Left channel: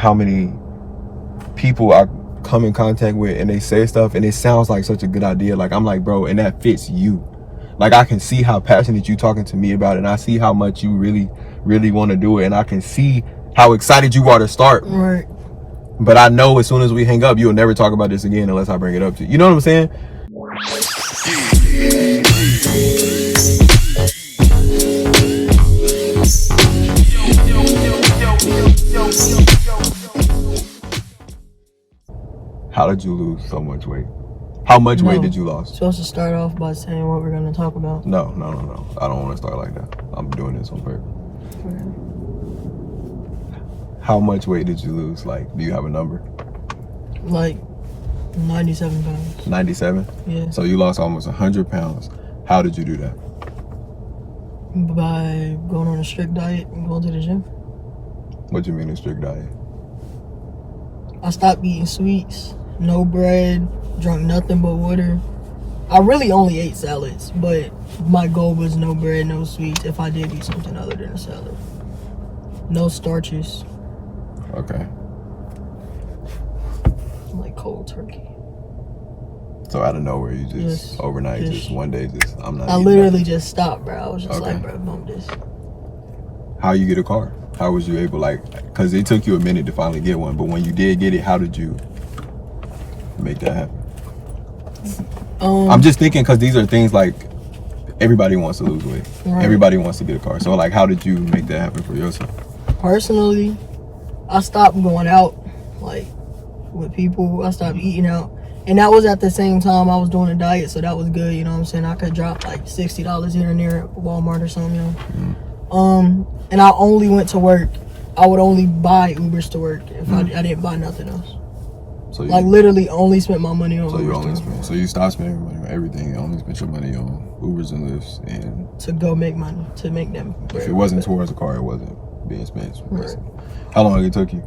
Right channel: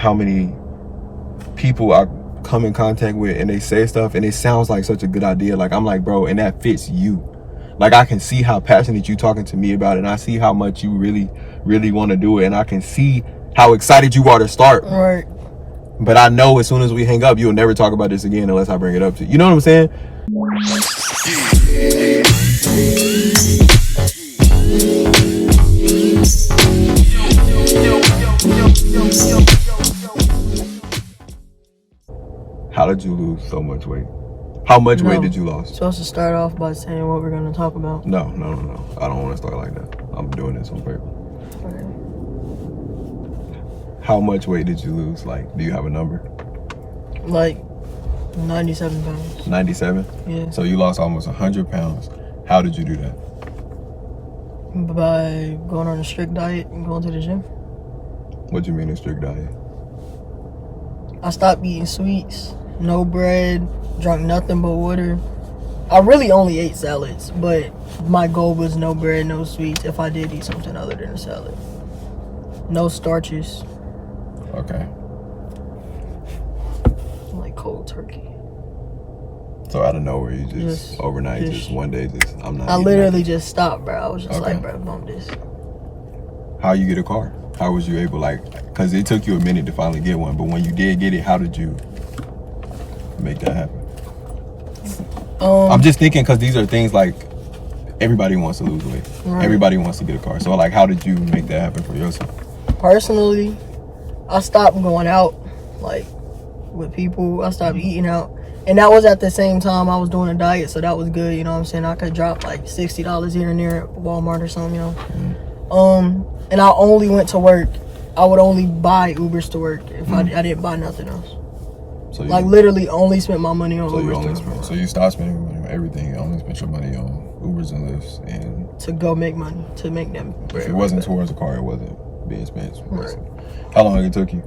how many people I come in contact with and they say stuff and it sounds like such a good idea. Like, I'm like, bro, and that fits you. Like, I can see how passionate you talking to me about it, and I see how much you really want to do it, and I can see how excited you are to start. Right. But I know as soon as we hang up, you'll never talk about this again unless I bring it up to you. You know what I'm saying? How did you lose so much weight? How much weight did you lose? Supposed to start off by saying what we're going to talk about. No. I don't want to start like that. I'm doing this on purpose. Okay. How much weight did you lose? Like, do you have a number? Like 97 pounds. 97? Yeah. So you lost almost 100 pounds. How did you do that? By going on a strict diet and going to the gym. What do you mean a strict diet? I stopped eating sweets, no bread, drank nothing but water. I really only ate salads, but my goal was no bread, no sweets if I did eat something other than a salad. No starches. Okay. Like cold turkey. So out of nowhere, you just overnight, just one day, I'm not. I literally just stopped, bro. I was just like, bro, bump this. How you get a car? How was you able, like, because it took you a minute to finally get one, but when you did get it, how did you make that happen? I'm just thinking, because these are things like everybody wants to lose weight. Right. Everybody wants to get a car. So, like, how did you make that happen for yourself? Personally, I stopped going out, like, with people. I stopped eating out. And that was at the same time I was doing a diet, so that was good, you know what I'm saying? I could drop, like, $60 here and there at Walmart or something, you know? Mm-hmm. And I only went to work. I would only buy Ubers to work if I didn't buy nothing else. So like literally only spent my money on Ubers. So you stopped spending your money on everything. You only spent your money on Ubers and Lyfts and to go make money, to make them. If it wasn't towards the car, it wasn't being spent. Right. How long it took you?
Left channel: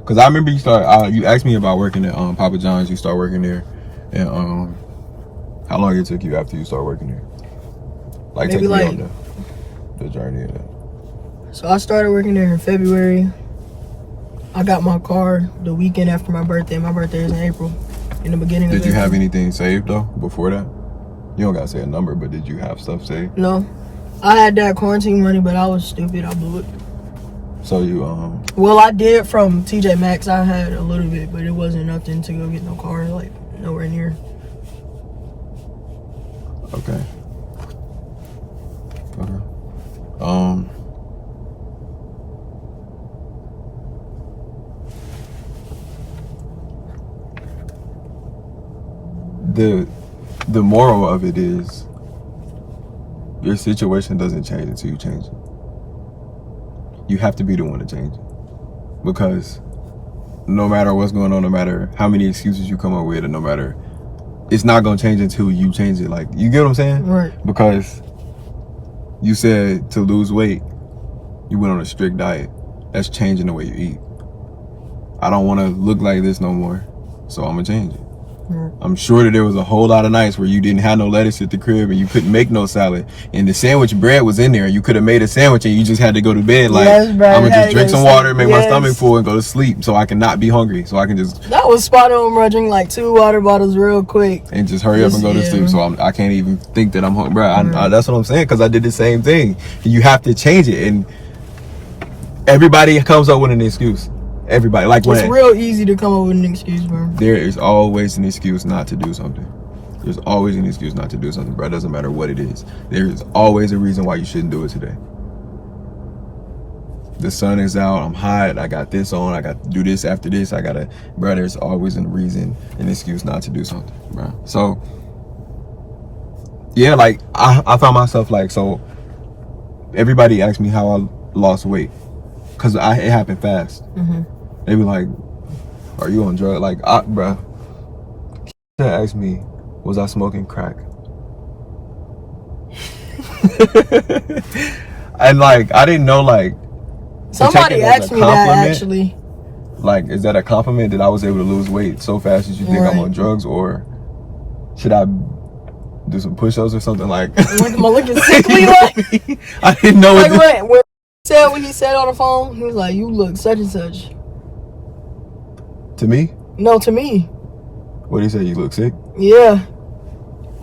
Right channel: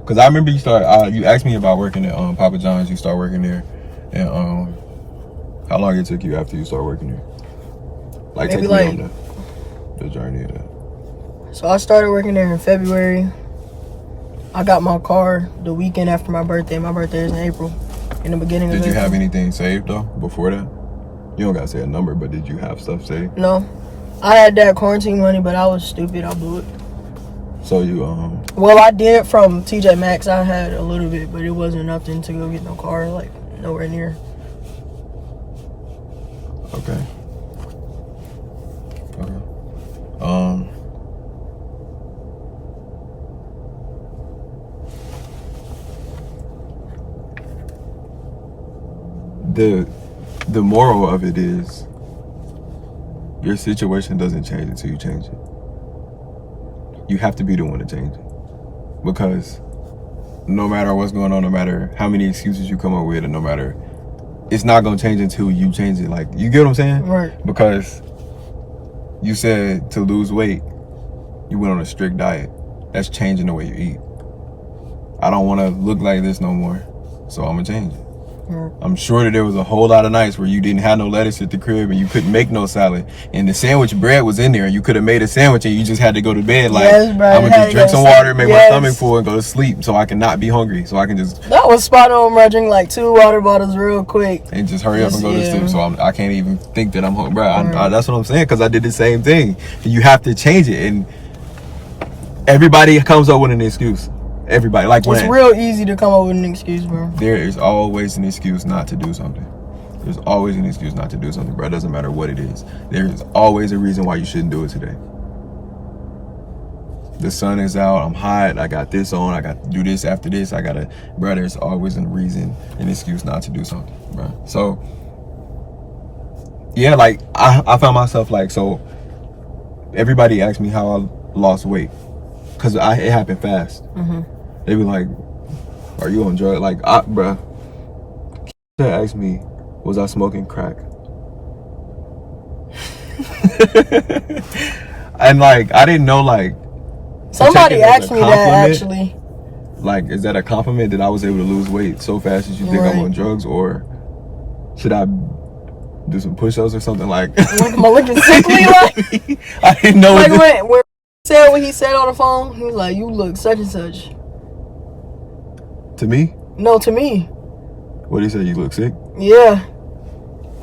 Because I remember you asked me about working at Papa John's. You start working there, and how long it took you after you start working there? Like, take me on the journey of that. So I started working there in February. I got my car the weekend after my birthday. My birthday is in April. In the beginning of April. Did you have anything saved though before that? You don't gotta say a number, but did you have stuff saved? No. I had that quarantine money, but I was stupid. I blew it. So you Well, I did from TJ Maxx. I had a little bit, but it wasn't nothing to go get no car, like nowhere near. Okay. The moral of it is your situation doesn't change until you change it. You have to be the one to change it, because no matter what's going on, no matter how many excuses you come up with, and no matter, it's not gonna change until you change it. Like, you get what I'm saying? Right. Because you said to lose weight, you went on a strict diet. That's changing the way you eat. I don't want to look like this no more, so I'm gonna change it. I'm sure that there was a whole lot of nights where you didn't have no lettuce at the crib and you couldn't make no salad, and the sandwich bread was in there and you could have made a sandwich and you just had to go to bed like, I'm gonna just drink some water, make my stomach full, and go to sleep so I can not be hungry, so I can just. That was spot on, bro. Drink like 2 water bottles real quick and just hurry up and go to sleep, so I can't even think that I'm hungry, bro. That's what I'm saying, because I did the same thing. And you have to change it, and everybody comes up with an excuse. Everybody, like, it's real easy to come up with an excuse, bro. There is always an excuse not to do something. There's always an excuse not to do something, bro. It doesn't matter what it is. There is always a reason why you shouldn't do it today. The sun is out, I'm hot, I got this on, I got to do this after this, bro, there's always a reason, an excuse not to do something, bro. So, yeah, like, I found myself, like, so, everybody asked me how I lost weight, because it happened fast. They be like, are you on drugs? Like, bruh, they asked me, was I smoking crack? And, like, I didn't know, like, somebody asked me that, actually. Like, is that a compliment that I was able to lose weight so fast that you think I'm on drugs? Or should I do some push-ups or something? Like, am I looking sickly? Like, I didn't know like when he said on the phone, he was like, you look such and such. To me? No, to me. What did he say? You look sick? Yeah.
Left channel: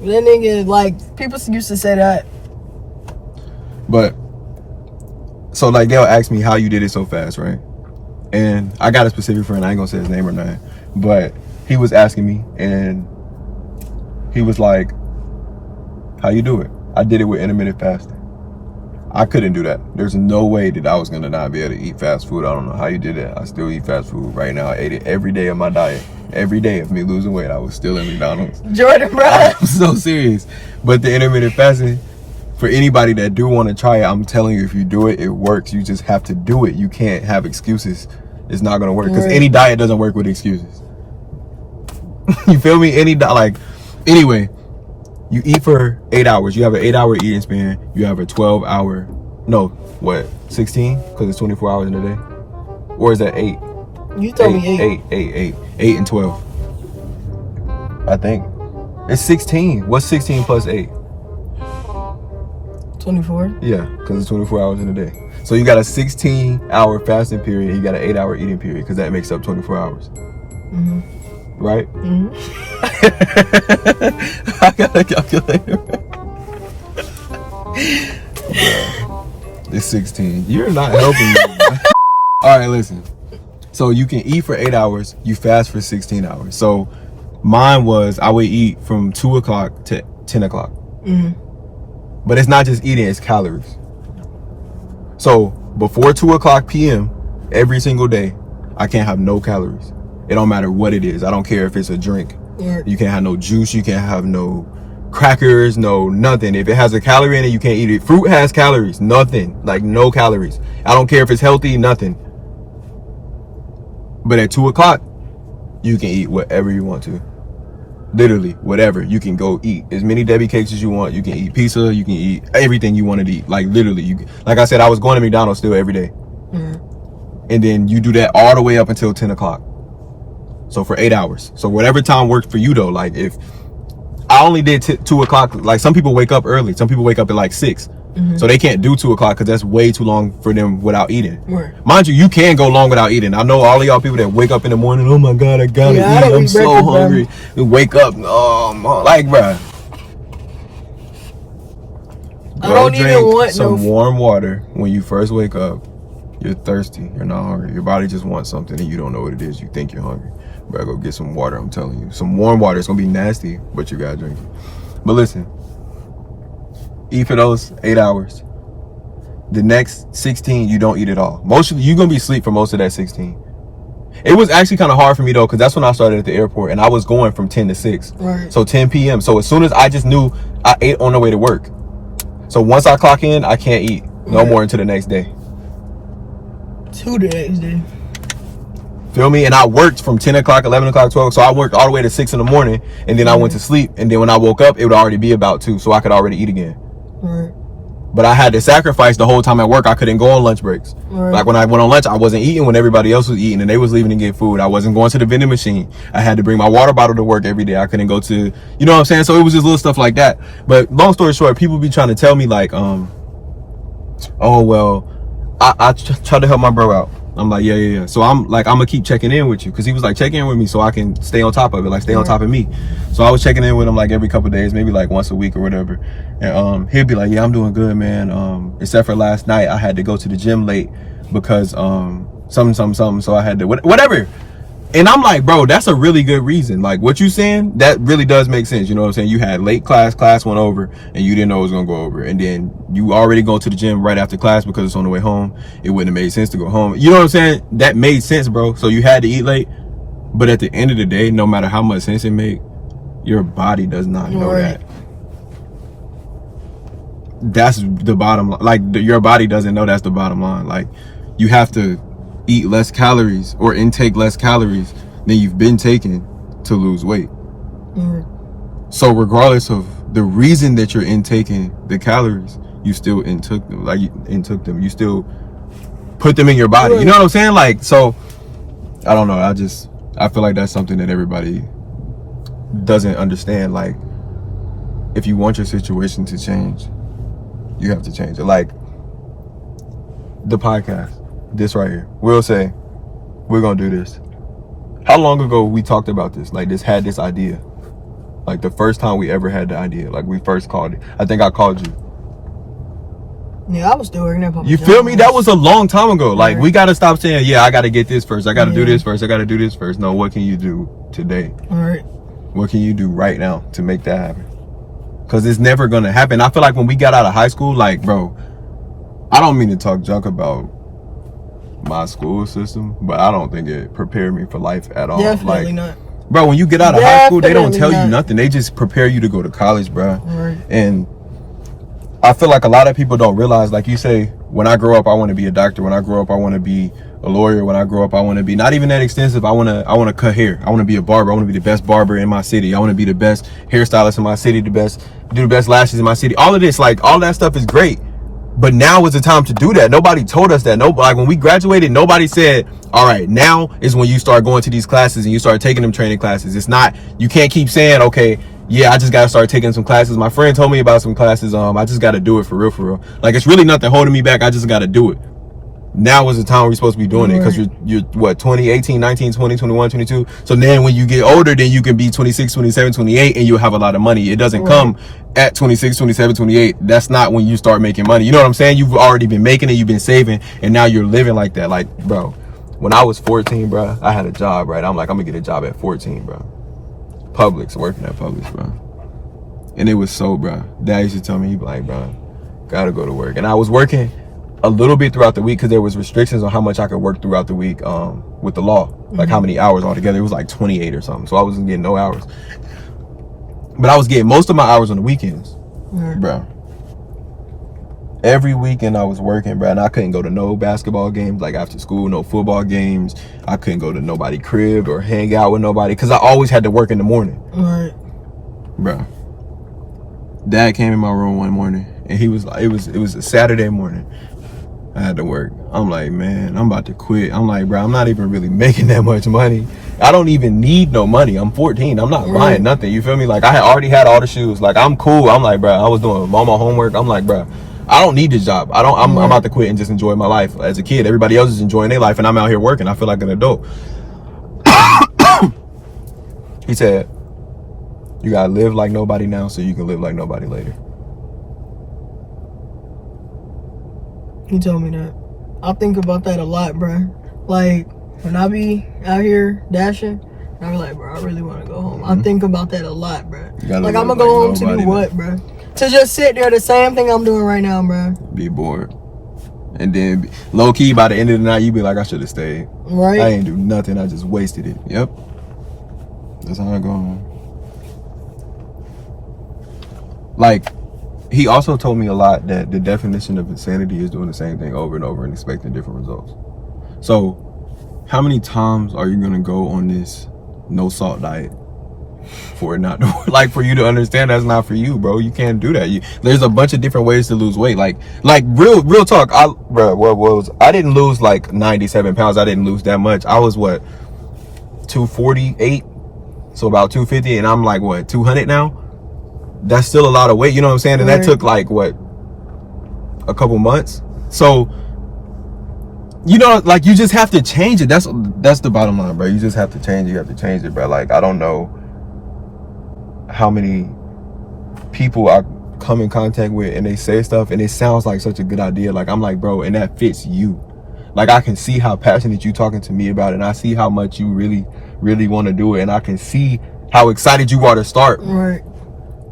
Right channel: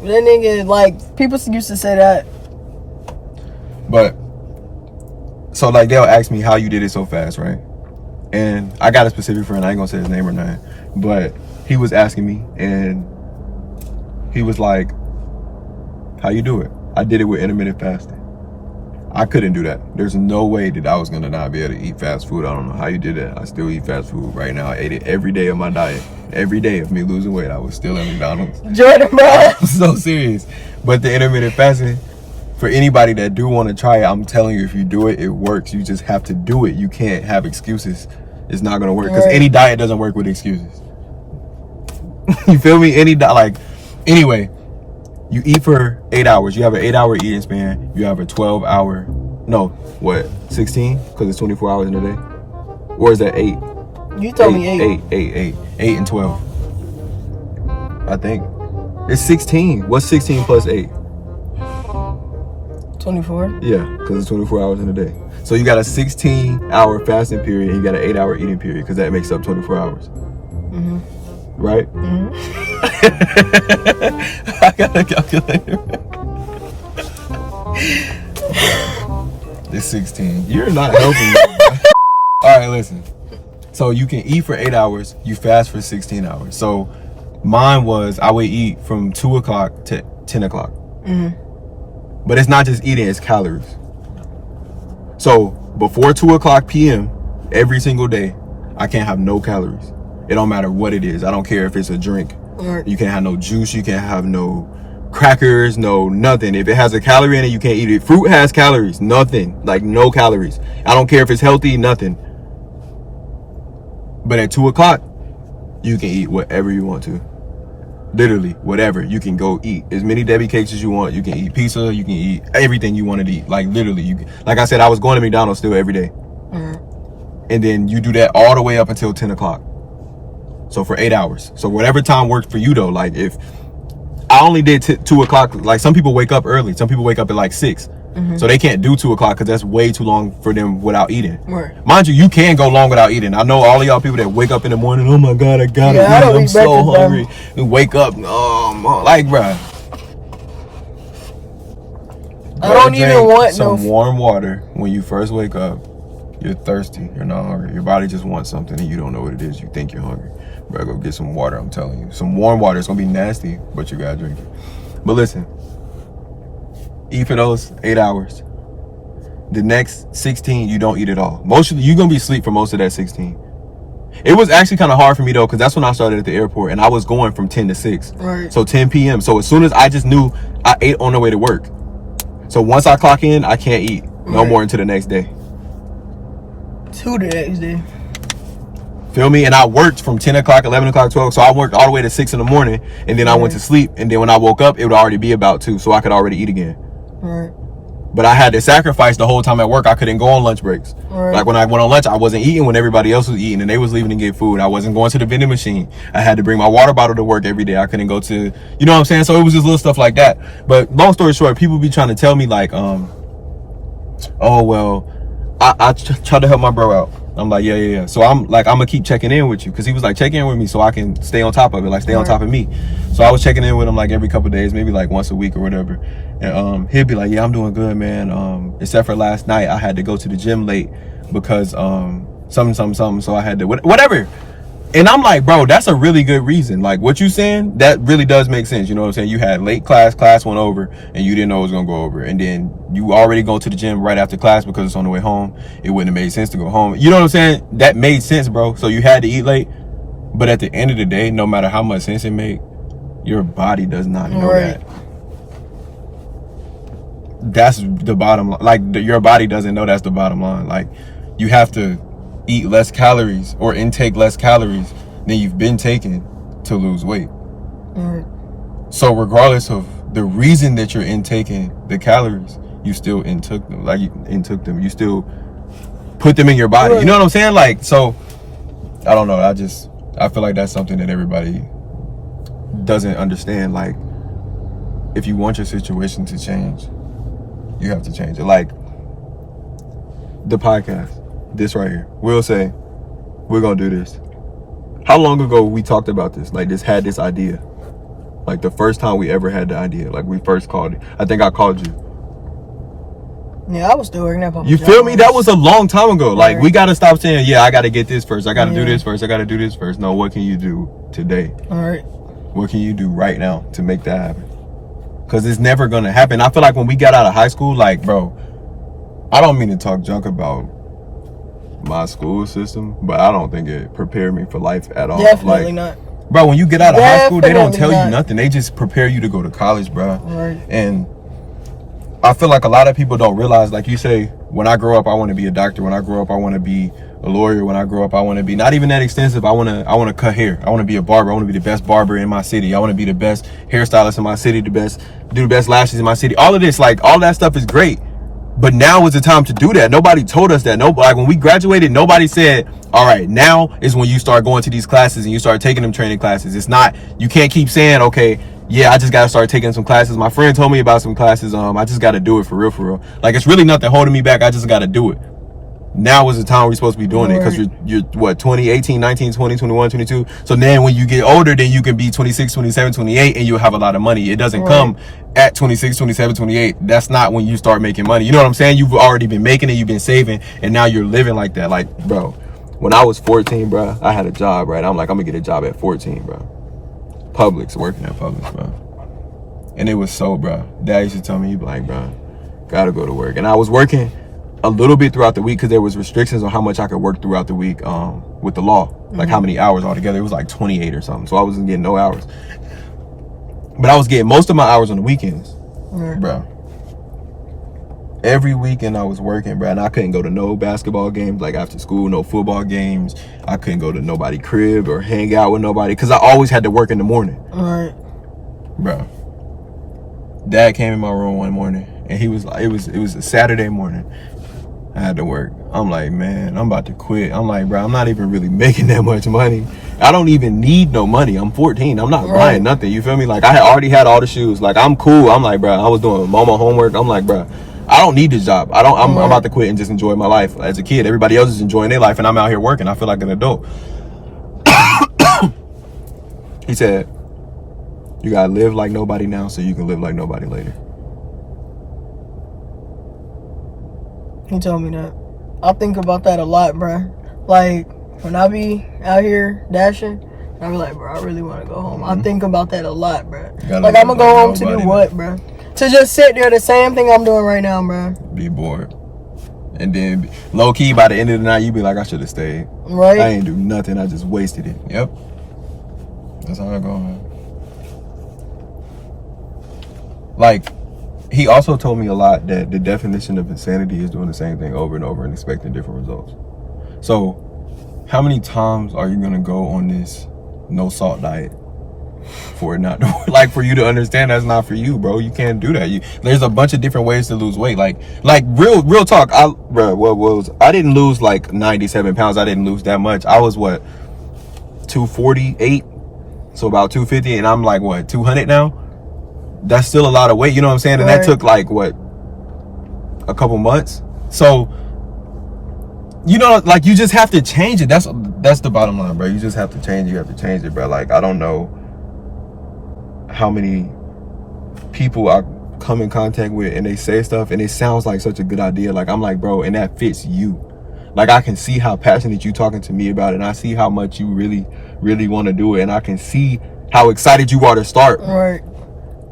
That nigga, like, people used to say that. But, so, like, they'll ask me how you did it so fast, right? And I got a specific friend. I ain't gonna say his name or nothing. But he was asking me, and he was like, how you do it? I did it with intermittent fasting. I couldn't do that. There's no way that I was gonna not be able to eat fast food. I don't know how you did it. I still eat fast food right now. I ate it every day of my diet. Every day of me losing weight, I was still at McDonald's. Jordan, bro. I'm so serious. But the intermittent fasting, for anybody that do want to try it, I'm telling you, if you do it, it works. You just have to do it. You can't have excuses. It's not gonna work because any diet doesn't work with excuses. You feel me? Anyway, you eat for 8 hours. You have an 8-hour eating span. You have a 12-hour, 16? Because it's 24 hours in a day. Or is that 8? You told me 8 and 12. I think. It's 16. What's 16 plus 8? 24. Yeah, because it's 24 hours in a day. So you got a 16-hour fasting period, and you got an 8-hour eating period, because that makes up 24 hours. Mm-hmm. Right? Mm-hmm. I got a calculator. It's 16. You're not helping me. All right, listen. So you can eat for 8 hours, you fast for 16 hours. So mine was, I would eat from 2 o'clock to 10 o'clock. Mm-hmm. But it's not just eating, it's calories. So before 2 o'clock p.m. every single day, I can't have no calories. It don't matter what it is. I don't care if it's a drink. Right. You can't have no juice. You can't have no crackers, no nothing. If it has a calorie in it, you can't eat it. Fruit has calories, nothing. Like no calories. I don't care if it's healthy, nothing. But at 2 o'clock, you can eat whatever you want to. Literally, whatever. You can go eat as many Debbie cakes as you want. You can eat pizza. You can eat everything you want to eat. Like literally, like I said, I was going to McDonald's still every day. Mm-hmm. And then you do that all the way up until 10 o'clock. So for 8 hours. So whatever time works for you though. Like if I only did 2 o'clock, like some people wake up early. Some people wake up at like 6. Mm-hmm. So they can't do 2 o'clock because that's way too long for them without eating. Right. Mind you, you can go long without eating. I know all of y'all people that wake up in the morning, oh my God, I gotta eat. I'm so hungry. And wake up, like, bruh. I don't even want some warm water when you first wake up. You're thirsty. You're not hungry. Your body just wants something and you don't know what it is. You think you're hungry. Bro, go get some water, I'm telling you. Some warm water. It's gonna be nasty, but you gotta drink it. But listen, eat for those 8 hours. The next 16, you don't eat at all. You're gonna be asleep for most of that 16. It was actually kind of hard for me though, because that's when I started at the airport and I was going from 10 to 6. Right. So 10 p.m. So as soon as I just knew, I ate on the way to work. So once I clock in, I can't eat no more until the next day. To the next day. Feel me? And I worked from 10 o'clock, 11 o'clock, 12. So I worked all the way to 6 in the morning. And then I went to sleep. And then when I woke up, it would already be about 2. So I could already eat again. Right. But I had to sacrifice the whole time at work. I couldn't go on lunch breaks. Right. Like when I went on lunch, I wasn't eating when everybody else was eating and they was leaving to get food. I wasn't going to the vending machine. I had to bring my water bottle to work every day. I couldn't go to, you know what I'm saying? So it was just little stuff like that. But long story short, people be trying to tell me like, oh, well, I tried to help my bro out. I'm like, yeah. So I'm gonna keep checking in with you. Cause he was like, check in with me so I can stay on top of it, like stay on top of me. So I was checking in with him like every couple of days, maybe like once a week or whatever. And he'd be like, yeah, I'm doing good, man. Except for last night, I had to go to the gym late because something. So I had to, whatever. And I'm like, bro, that's a really good reason. Like what you saying, that really does make sense. You know what I'm saying? You had late class went over and you didn't know it was gonna go over. And then you already go to the gym right after class because it's on the way home. It wouldn't have made sense to go home. You know what I'm saying? That made sense, bro. So you had to eat late. But at the end of the day, no matter how much sense it made, your body does not know that. That's the bottom line. Like your body doesn't know that's the bottom line. Like you have to eat less calories or intake less calories than you've been taking to lose weight. So regardless of the reason that you're intaking the calories, you still intook them. You still put them in your body. You know what I'm saying? Like, so I don't know. I feel like that's something that everybody doesn't understand. Like, if you want your situation to change, you have to change it. Like the podcast. This right here. We'll say, we're going to do this. How long ago we talked about this? Like, this had this idea. Like, the first time we ever had the idea. Like, we first called it. I think I called you. Yeah, I was still working at You feel me? That was a long time ago. Like, we got to stop saying, yeah, I got to get this first. I got to do this first. I got to do this first. No, what can you do today? All right. What can you do right now to make that happen? Because it's never going to happen. I feel like when we got out of high school, like, bro, I don't mean to talk junk about my school system, but I don't think it prepared me for life at all. Definitely not. Bro, when you get out of high school, they don't tell you nothing. They just prepare you to go to college, bro. Right. And I feel like a lot of people don't realize, like you say, when I grow up, I want to be a doctor. When I grow up, I want to be a lawyer. When I grow up, I want to be not even that extensive. I want to cut hair. I want to be a barber. I want to be the best barber in my city. I want to be the best hairstylist in my city, do the best lashes in my city. All of this, like, all that stuff is great. But now is the time to do that. Nobody told us that. Like, when we graduated, nobody said, all right, now is when you start going to these classes and you start taking them training classes. It's not, you can't keep saying, okay, yeah, I just got to start taking some classes. My friend told me about some classes. I just got to do it for real. Like, it's really nothing holding me back. I just got to do it. Now is the time we're supposed to be doing it, because you're what, 20, 18, 19, 20, 21, 22. So then when you get older, then you can be 26, 27, 28, and you'll have a lot of money. It doesn't come at 26, 27, 28. That's not when you start making money. You know what I'm saying? You've already been making it, you've been saving, and now you're living like that. Like, bro, when I was 14, bro, I had a job, right? I'm like, I'm gonna get a job at 14, bro. Publix, working at Publix, bro. And it was so, bro. Dad used to tell me, he'd be like, bro, gotta go to work. And I was working a little bit throughout the week because there was restrictions on how much I could work throughout the week with the law, like how many hours altogether. It was like 28 or something, so I wasn't getting no hours, but I was getting most of my hours on the weekends, bro. Every weekend I was working, bro, and I couldn't go to no basketball games, like after school, no football games. I couldn't go to nobody crib or hang out with nobody because I always had to work in the morning. Bro, Dad came in my room one morning and he was like, it was a Saturday morning. I had to work. I'm like, man, I'm about to quit. I'm like, bro, I'm not even really making that much money. I don't even need no money. I'm 14. I'm not buying nothing. You feel me? Like, I had already had all the shoes. Like, I'm cool. I'm like, bro, I was doing mama homework. I'm like, bro, I don't need this job. I'm about to quit and just enjoy my life. As a kid, everybody else is enjoying their life, and I'm out here working. I feel like an adult. He said, you gotta live like nobody now so you can live like nobody later. He told me that. I think about that a lot, bro. Like, when I be out here dashing, I be like, bro, I really want to go home. I think about that a lot, bro. Like, I'm going to go home to do what, bro? To just sit there, the same thing I'm doing right now, bro. Be bored. And then, low-key, by the end of the night, you be like, I should have stayed. Right. I ain't do nothing. I just wasted it. Yep. That's how I go home. Like, he also told me a lot that the definition of insanity is doing the same thing over and over and expecting different results. So, how many times are you gonna go on this no salt diet for it not to, like, for you to understand that's not for you, bro? You can't do that. There's a bunch of different ways to lose weight. Like real talk. I didn't lose like 97 pounds. I didn't lose that much. I was what, 248, so about 250, and I'm like what, 200 now. That's still a lot of weight, you know what I'm saying? And that took like what, a couple months. So, you know, like, you just have to change it. That's the bottom line, bro. You just have to change it. You have to change it, bro. Like, I don't know how many people I come in contact with and they say stuff and it sounds like such a good idea. Like, I'm like, bro, and that fits you. Like, I can see how passionate you talking to me about it, and I see how much you really, really want to do it, and I can see how excited you are to start. Right.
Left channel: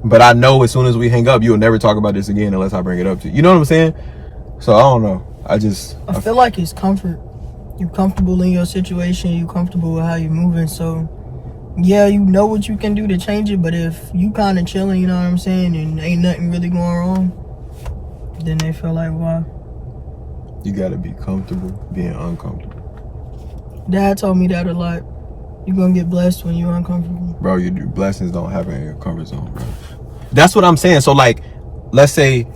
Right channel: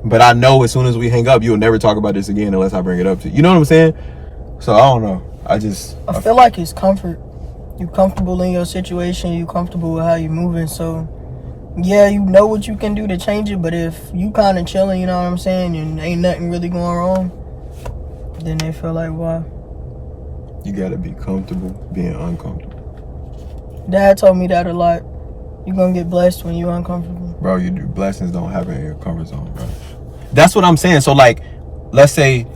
But I know as soon as we hang up, you'll never talk about this again unless I bring it up to you. You know what I'm saying? So, I don't know. I feel like it's comfort. You're comfortable in your situation. You're comfortable with how you're moving. So, yeah, you know what you can do to change it. But if you kind of chilling, you know what I'm saying, and ain't nothing really going wrong, then they feel like, why? You got to be comfortable being uncomfortable. Dad told me that a lot. You're going to get blessed when you're uncomfortable. Bro, blessings don't happen in your comfort zone, bro. That's what I'm saying. So, like, let's say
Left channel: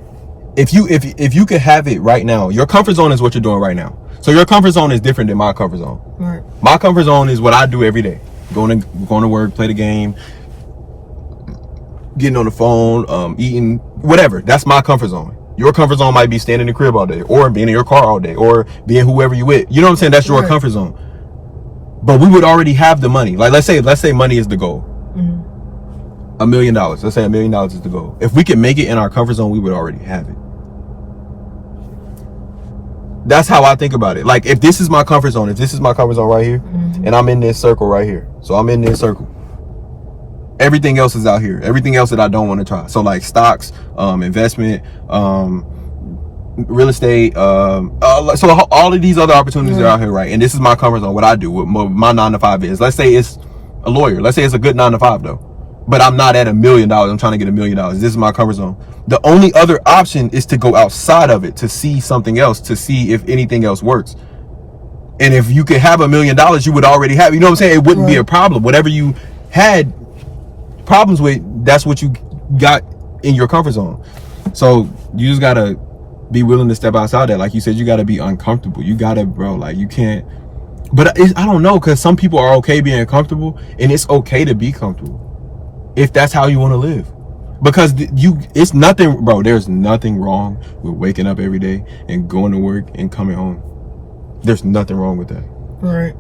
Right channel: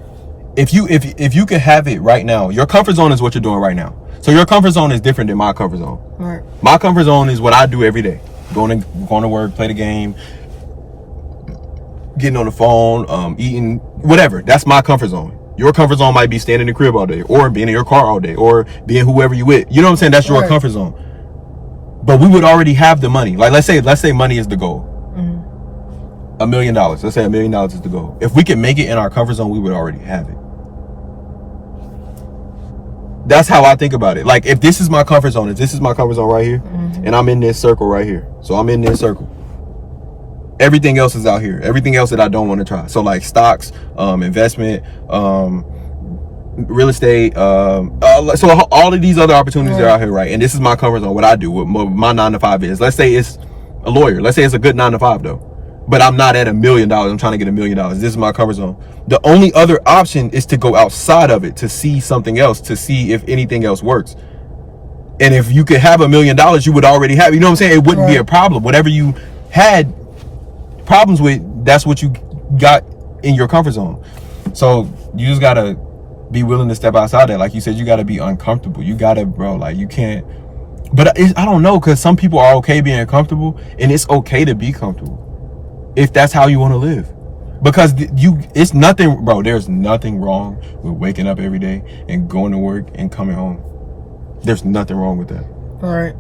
if you could have it right now, your comfort zone is what you're doing right now. So your comfort zone is different than my comfort zone. Right. My comfort zone is what I do every day. Going to work, play the game, getting on the phone, eating, whatever. That's my comfort zone. Your comfort zone might be staying in the crib all day, or being in your car all day, or being whoever you with. You know what I'm saying? That's your comfort zone. but we would already have the money. Like let's say money is the goal. $1 million. Let's say $1 million is the goal. If we could make it in our comfort zone, we would already have it. That's how I think about it. Like if this is my comfort zone, right here, and I'm in this circle right here. So I'm in this circle. Everything else is out here. Everything else that I don't want to try. So like stocks, investment, real estate, so all of these other opportunities are out here, right? And this is my comfort zone. What I do, what my 9 to 5 is. Let's say it's a lawyer. Let's say it's a good 9 to 5 though. But I'm not at $1 million. I'm trying to get $1 million. This is my comfort zone. The only other option is to go outside of it, to see something else, to see if anything else works. And if you could have $1 million, you would already have, you know what I'm saying? It wouldn't be a problem. Whatever you had problems with, that's what you got in your comfort zone. So you just gotta be willing to step outside that. Like you said, you gotta be uncomfortable. You gotta, bro, like you can't. But I don't know, because some people are okay being comfortable, and it's okay to be comfortable if that's how you want to live. Because it's nothing, bro, there's nothing wrong with waking up every day and going to work and coming home. There's nothing wrong with that. All right.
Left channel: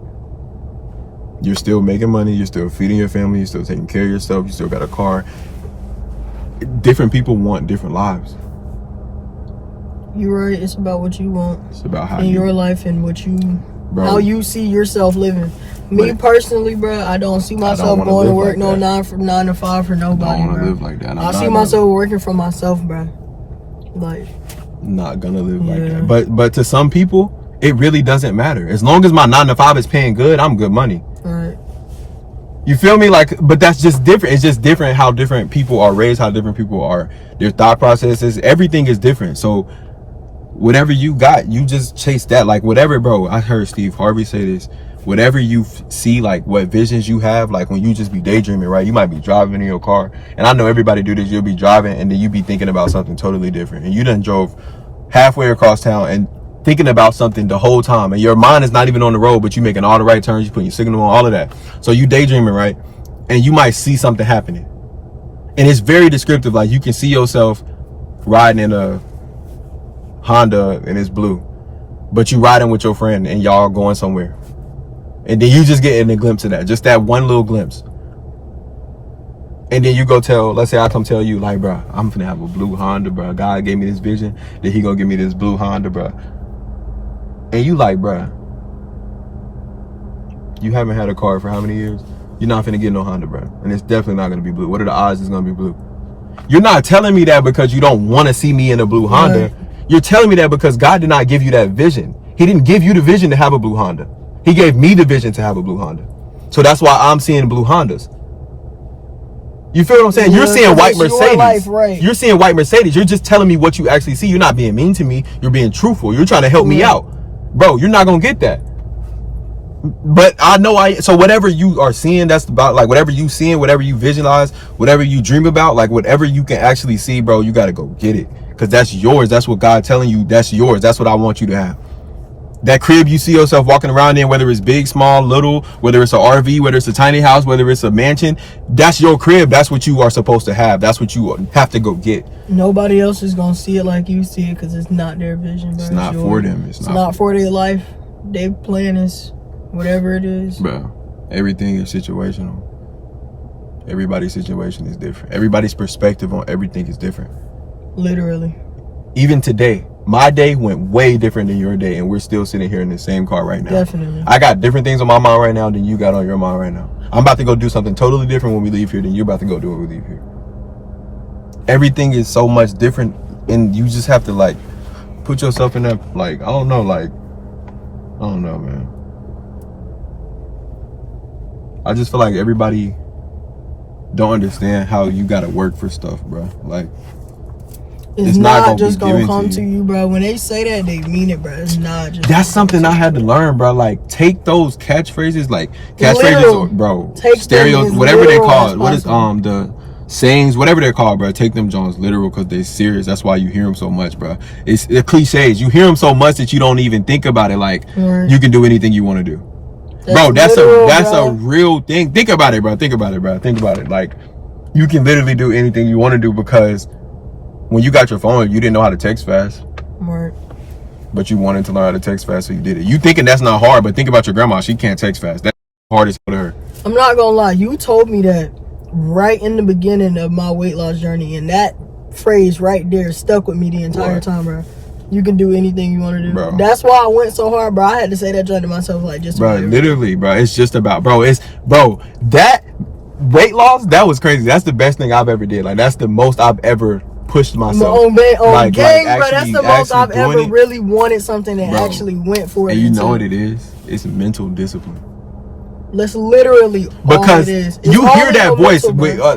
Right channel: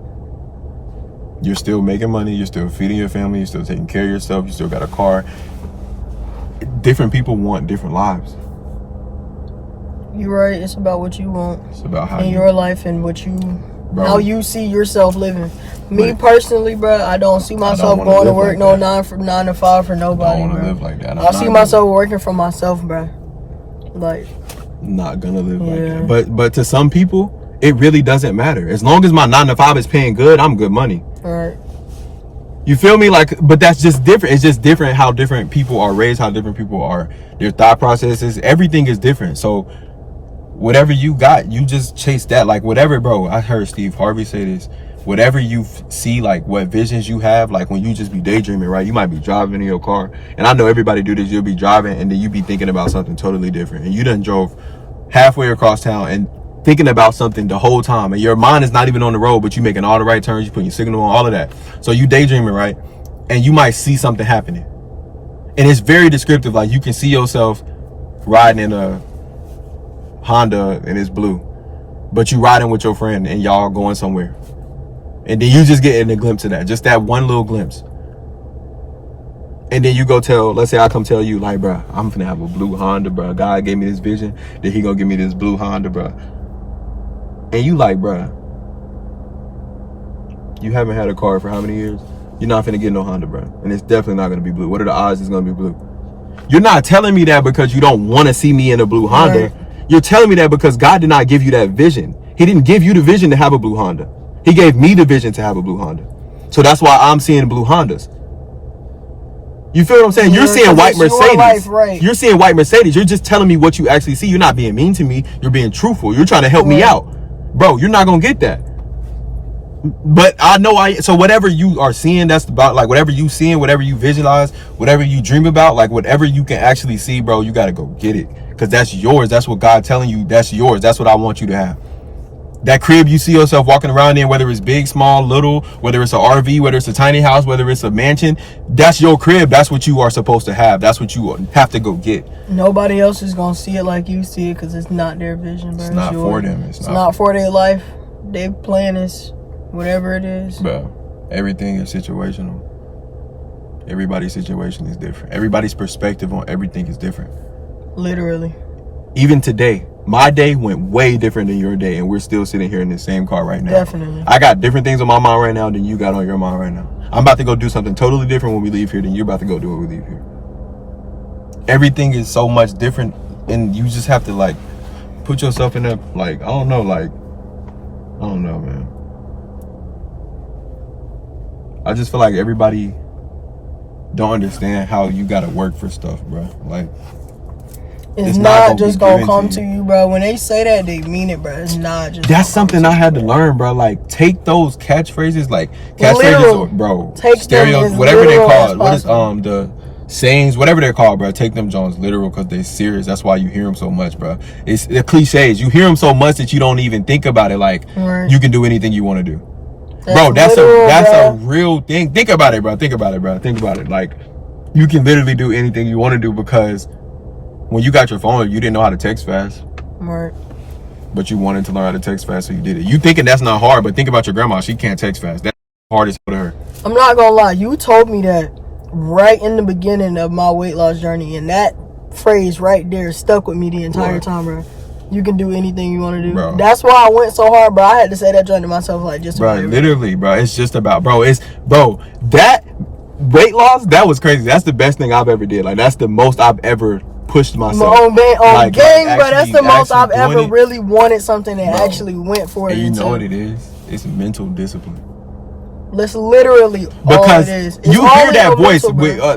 You're still making money, you're still feeding your family, you're still taking care of yourself, you still got a car. Different people want different lives. You're right. It's about what you want. It's about how in your life and what you, bro, how you see yourself living. Me personally, bro, I don't see myself going to work like 9 to 5 for nobody. I don't want to live like that. I see myself working for myself, bro. Like, not gonna live like that. But to some people, it really doesn't matter. As long as my 9 to 5 is paying good, I'm good money. All right. You feel me? Like, but that's just different. It's just different how different people are raised, how different people are, their thought processes. Everything is different. So whatever you got, you just chase that. Like whatever, bro. I heard Steve Harvey say this. Whatever you see, like what visions you have, like when you just be daydreaming, right? You might be driving in your car, and I know everybody do this. You'll be driving, and then you be thinking about something totally different, and you done drove halfway across town and thinking about something the whole time, and your mind is not even on the road, but you making all the right turns, you putting your signal on, all of that. So you daydreaming, right? And you might see something happening, and it's very descriptive. Like you can see yourself riding in a Honda and it's blue, but you riding with your friend and y'all going somewhere. And then you just getting a glimpse of that, just that one little glimpse. And then you go tell, let's say I come tell you, like, bro, I'm finna have a blue Honda, bro. God gave me this vision that he gonna give me this blue Honda, bro. And you like, bro, you haven't had a car for how many years? You're not finna get no Honda, bro. And it's definitely not gonna be blue. What are the odds it's gonna be blue? You're not telling me that because you don't wanna see me in a blue Honda. You're telling me that because God did not give you that vision. He didn't give you the vision to have a blue Honda. He gave me the vision to have a blue Honda. So that's why I'm seeing blue Hondas. You feel what I'm saying? You're seeing white Mercedes. Life, right. You're seeing white Mercedes. You're just telling me what you actually see. You're not being mean to me. You're being truthful. You're trying to help me out. Bro, you're not going to get that. But I know so whatever you are seeing, that's about, like, whatever you seeing, whatever you visualize, whatever you dream about, like, whatever you can actually see, bro, you got to go get it. Because that's yours. That's what God's telling you. That's yours. That's what I want you to have. That crib you see yourself walking around in, whether it's big, small, little, whether it's an RV, whether it's a tiny house, whether it's a mansion, that's your crib. That's what you are supposed to have. That's what you have to go get. Nobody else is going to see it like you see it because it's not their vision, bro. It's not for them. It's not for their life. They plan is whatever it is. Bro, everything is situational. Everybody's situation is different. Everybody's perspective on everything is different. Literally. Even today, my day went way different than your day, and we're still sitting here in the same car right now. Definitely. I got different things on my mind right now than you got on your mind right now. I'm about to go do something totally different when we leave here than you're about to go do when we leave here. Everything is so much different, and you just have to, like, put yourself in that, like, I don't know, man. I just feel like everybody don't understand how you gotta work for stuff, bro. Like, it's not just gonna come to you, bro. When they say that, they mean it, bro. It's not just. That's something I had to learn, bro. Like, take those catchphrases, like catchphrases, bro. Take stereos, whatever they call it. What is the sayings, whatever they're called, bro. Take them Jones literal because they're serious. That's why you hear them so much, bro. It's the cliches. You hear them so much that you don't even think about it. Like, you can do anything you want to do, bro. That's a real thing. Think about it, bro. Think about it, bro. Think about it. Like, you can literally do anything you want to do because when you got your phone, you didn't know how to text fast. Right. But you wanted to learn how to text fast, so you did it. You thinking that's not hard, but think about your grandma. She can't text fast. hard as hell to her. I'm not gonna lie, you told me that right in the beginning of my weight loss journey, and that phrase right there stuck with me the entire time, bro. You can do anything you want to do, bro. That's why I went so hard, bro. I had to say that joint to myself, like, just bro, literally, bro. It's just about, bro. That weight loss, that was crazy. That's the best thing I've ever did. Like, that's the most I've ever pushed myself. On like, gang, bro. That's the most I've ever really wanted something and actually went for it. And you know what it is? It's mental discipline. That's literally because all it is. You hear that voice,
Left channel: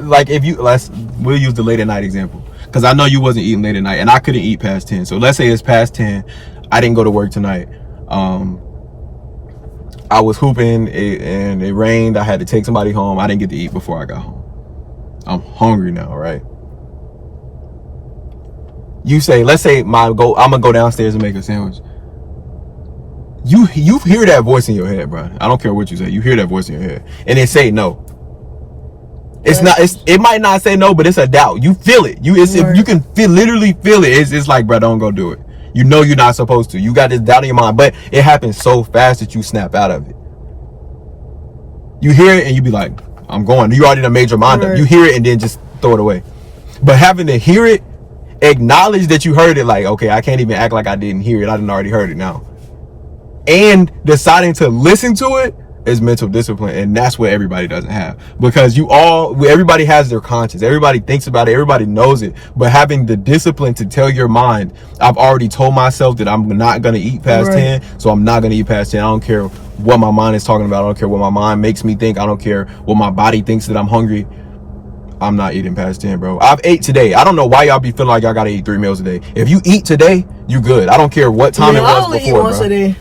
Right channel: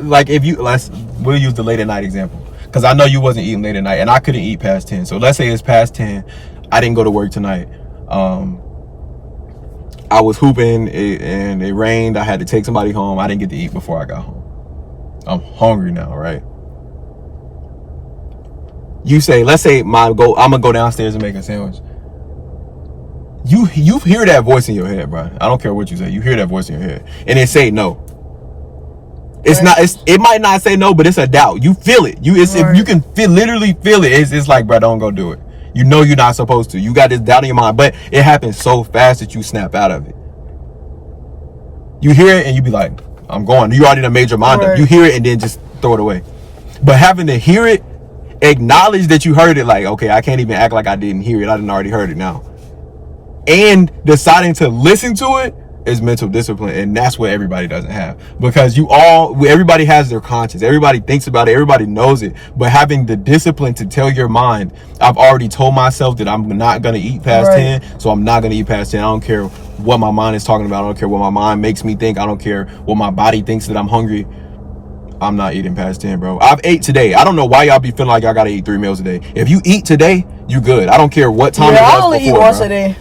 like if you we'll use the late at night example, because I know you wasn't eating late at night, and I couldn't eat past 10. So let's say it's past 10. I didn't go to work tonight. I was hooping and it rained. I had to take somebody home. I didn't get to eat before I got home. I'm hungry now, right? You say, let's say I'm gonna go downstairs and make a sandwich. You hear that voice in your head, bro. I don't care what you say. You hear that voice in your head, and it say no. It might not say no, but it's a doubt. You feel it. You can literally feel it. It's like, bro, don't go do it. You know you're not supposed to. You got this doubt in your mind, but it happens so fast that you snap out of it. You hear it and you be like, I'm going. You already done made your mind up. You hear it and then just throw it away. But having to hear it, acknowledge that you heard it, like, okay, I can't even act like I didn't hear it. I didn't already heard it now. And deciding to listen to it is mental discipline, and that's what everybody doesn't have, because everybody has their conscience, everybody thinks about it, everybody knows it, but having the discipline to tell your mind, I've already told myself that I'm not going to eat past 10, so I'm not going to eat past 10. I don't care what my mind is talking about. I don't care what my mind makes me think. I don't care what my body thinks that I'm hungry. I'm not eating past 10, bro. I've ate today. I don't know why y'all be feeling like y'all gotta eat 3 meals a day. If you eat today, you good. I don't care what time it was I only before, eat once a day.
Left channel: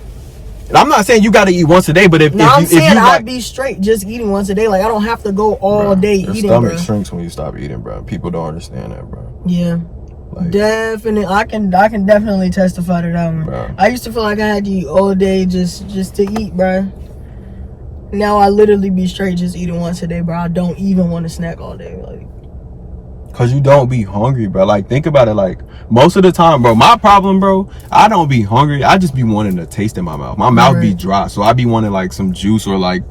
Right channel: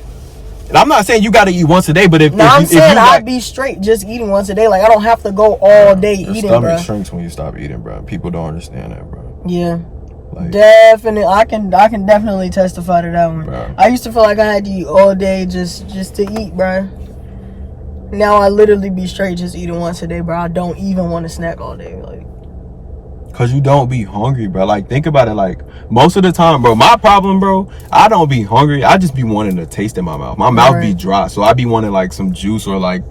And I'm not saying you got to eat once a day, but if you I'd be straight just eating once a day. Like, I don't have to go all day eating, bro. Your stomach shrinks when you stop eating, bro. People don't understand that, bro. Yeah. Like, definitely. I can definitely testify to that one. Bro. I used to feel like I had to eat all day just to eat, bro. Now I literally be straight just eating once a day, bro. I don't even want to snack all day. Like, cause you don't be hungry, bro. Like, think about it. Like, most of the time, bro, my problem, bro, I don't be hungry. I just be wanting to taste in my mouth. My mouth be dry, so I be wanting like some juice or like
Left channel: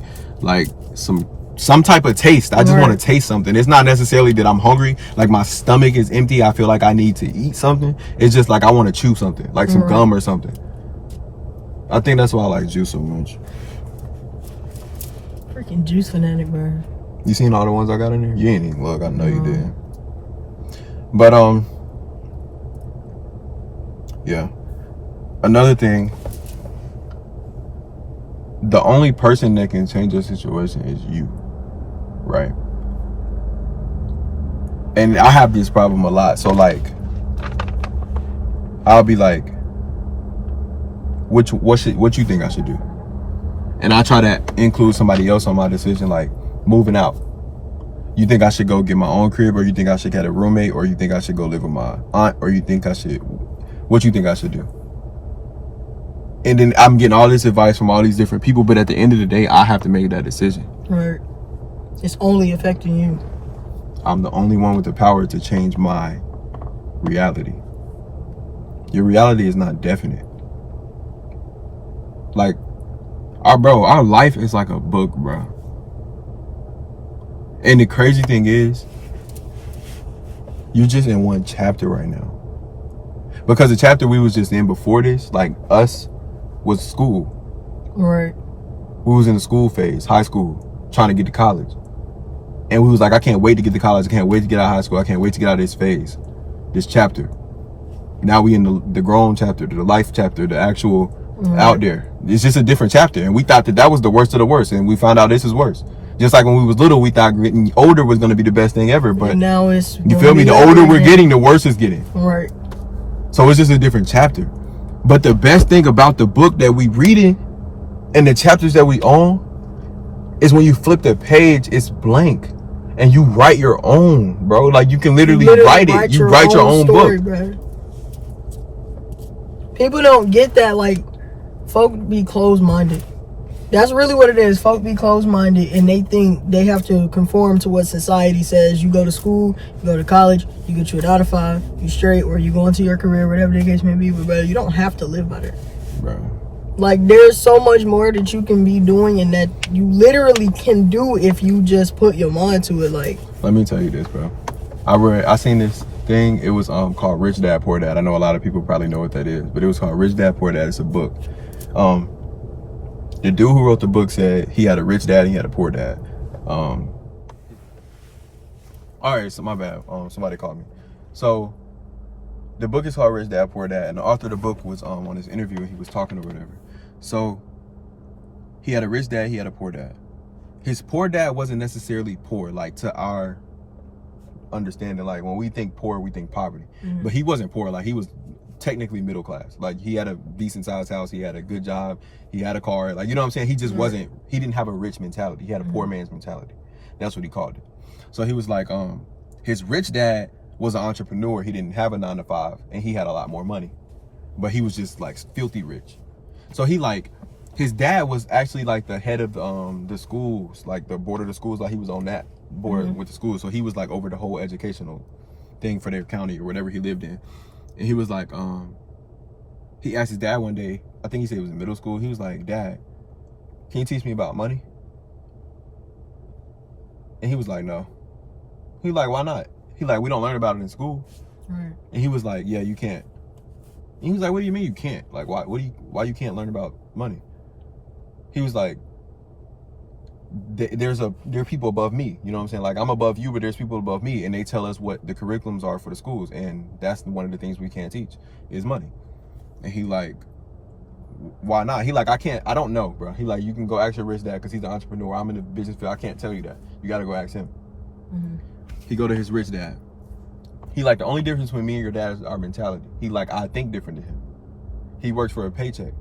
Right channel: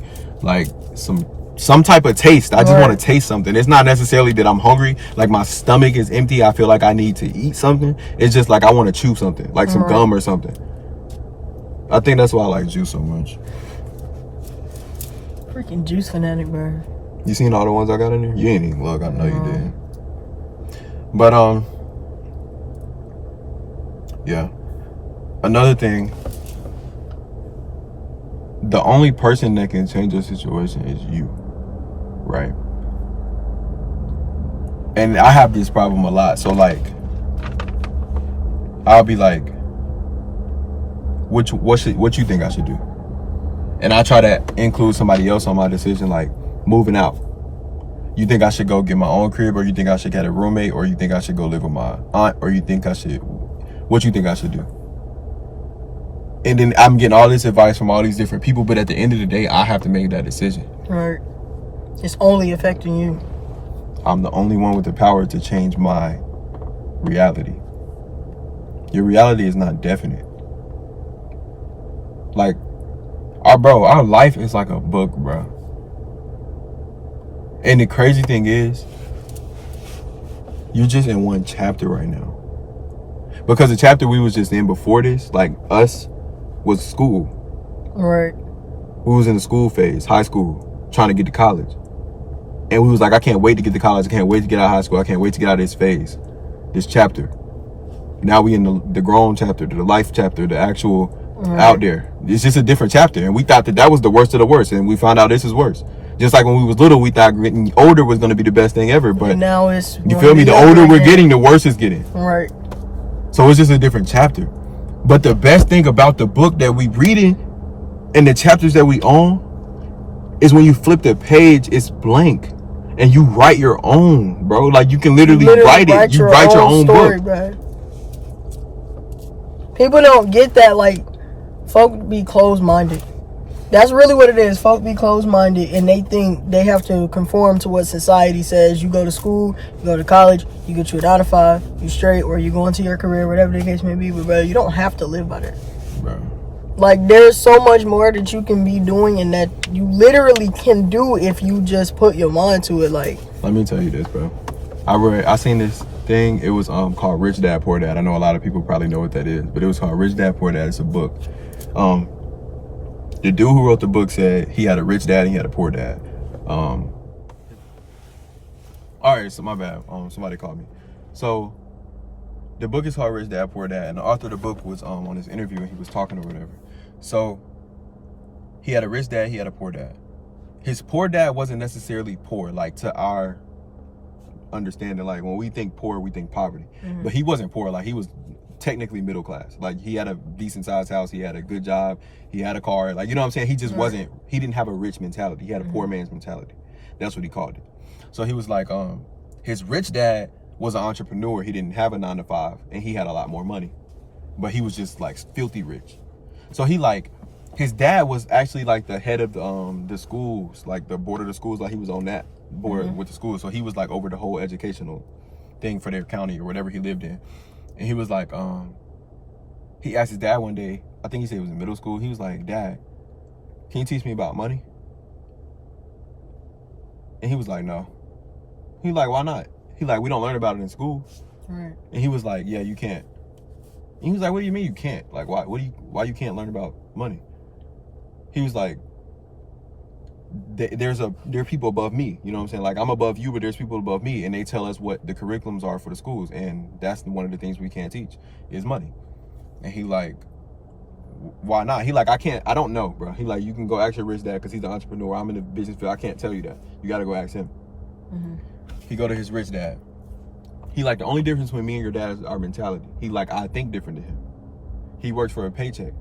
some type of taste. I just want to taste something. It's not necessarily that I'm hungry. Like, my stomach is empty. I feel like I need to eat something. It's just like I want to chew something, like some gum or something. I think that's why I like juice so much. Freaking juice fanatic, bro. You seen all the ones I got in there? You ain't even look. I know you did. But yeah. Another thing, the only person that can change your situation is you, right? And I have this problem a lot. So like, I'll be like, what you think I should do? And I try to include somebody else on my decision, like moving out. You think I should go get my own crib, or you think I should get a roommate, or you think I should go live with my aunt, or you think I should, what you think I should do? And then I'm getting all this advice from all these different people, but at the end of the day, I have to make that decision. Right. It's only affecting you. I'm the only one with the power to change my reality. Your reality is not definite. Like, our life is like a book, bro. And the crazy thing is, you're just in one chapter right now. Because the chapter we was just in before this, like us, was school. Right. We was in the school phase, high school, trying to get to college. And we was like, I can't wait to get to college. I can't wait to get out of high school. I can't wait to get out of this phase, this chapter. Now we in the grown chapter, the life chapter, the actual out there. It's just a different chapter. And we thought that was the worst of the worst. And we found out this is worse. Just like when we was little, we thought getting older was going to be the best thing ever. But now it's, you feel me? The older we're getting, the worse it's getting. Right. So it's just a different chapter. But the best thing about the book that we reading and the chapters that we own is when you flip the page, it's blank. And you write your own, bro. Like, you can literally write it. You write your own story, book. Bro. People don't get that. Like, folk be closed-minded. That's really what it is. Folk be closed-minded, and they think they have to conform to what society says. You go to school, you go to college, you get your 9 to 5, you straight, or you go into your career, whatever the case may be. But bro, you don't have to live by that. Bro, Like, there's so much more that you can be doing and that you literally can do if you just put your mind to it. Like, let me tell you this, bro. I seen this thing. It was called Rich Dad Poor Dad. I know a lot of people probably know what that is, but it was called Rich Dad Poor Dad. It's a book. The dude who wrote the book said he had a rich dad and he had a poor dad. All right, so my bad. Somebody called me. So the book is called Rich Dad Poor Dad, and the author of the book was on his interview and he was talking or whatever. So he had a rich dad, he had a poor dad. His poor dad wasn't necessarily poor, like to our understanding. Like when we think poor, we think poverty. Mm-hmm. But he wasn't poor. Like he was technically middle class. Like he had a decent sized house, he had a good job, he had a car. Like, you know what I'm saying? He just wasn't, he didn't have a rich mentality. He had a poor man's mentality. That's what he called it. So he was like, his rich dad was an entrepreneur. He didn't have a 9-to-5 and he had a lot more money, but he was just like filthy rich. So he like, his dad was actually like the head of the schools, like the board of the schools. Like he was on that board with the schools. So he was like over the whole educational thing for their county or whatever he lived in. And he was like, he asked his dad one day, I think he said it was in middle school. He was like, Dad, can you teach me about money? And he was like, no. He was like, why not? He like, we don't learn about it in school. Right. And he was like, yeah, you can't. And he was like, what do you mean you can't? Like, why you can't learn about money? He was like, there are people above me, you know what I'm saying? Like, I'm above you, but there's people above me, and they tell us what the curriculums are for the schools, and that's one of the things we can't teach is money. And he like, why not? He like, I don't know, bro. He like, you can go ask your rich dad because he's an entrepreneur. I'm in the business field. I can't tell you that. You got to go ask him. Mm-hmm. He go to his rich dad. He like, the only difference between me and your dad is our mentality. He like, I think different than him. He works for a paycheck.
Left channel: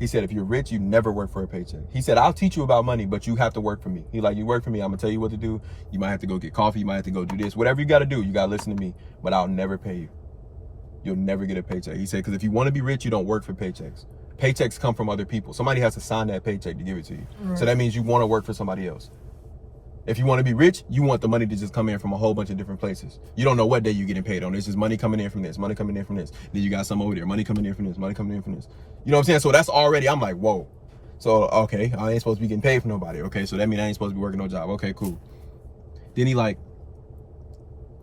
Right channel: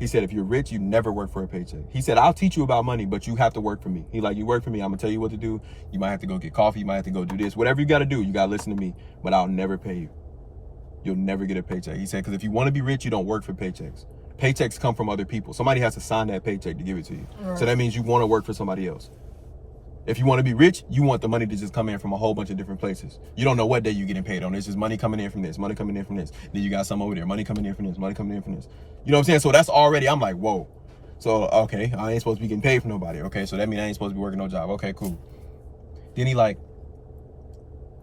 He said, if you're rich, you never work for a paycheck. He said, I'll teach you about money, but you have to work for me. He like, you work for me, I'm gonna tell you what to do. You might have to go get coffee, you might have to go do this. Whatever you gotta do, you gotta listen to me, but I'll never pay you. You'll never get a paycheck. He said, because if you want to be rich, you don't work for paychecks. Paychecks come from other people. Somebody has to sign that paycheck to give it to you. Right. So that means you want to work for somebody else. If you want to be rich, you want the money to just come in from a whole bunch of different places. You don't know what day you're getting paid on. There's just money coming in from this, money coming in from this. Then you got some over there, money coming in from this, money coming in from this. You know what I'm saying? So that's already, I'm like, whoa. So, okay, I ain't supposed to be getting paid for nobody. Okay, so that means I ain't supposed to be working no job. Okay, cool. Then he like,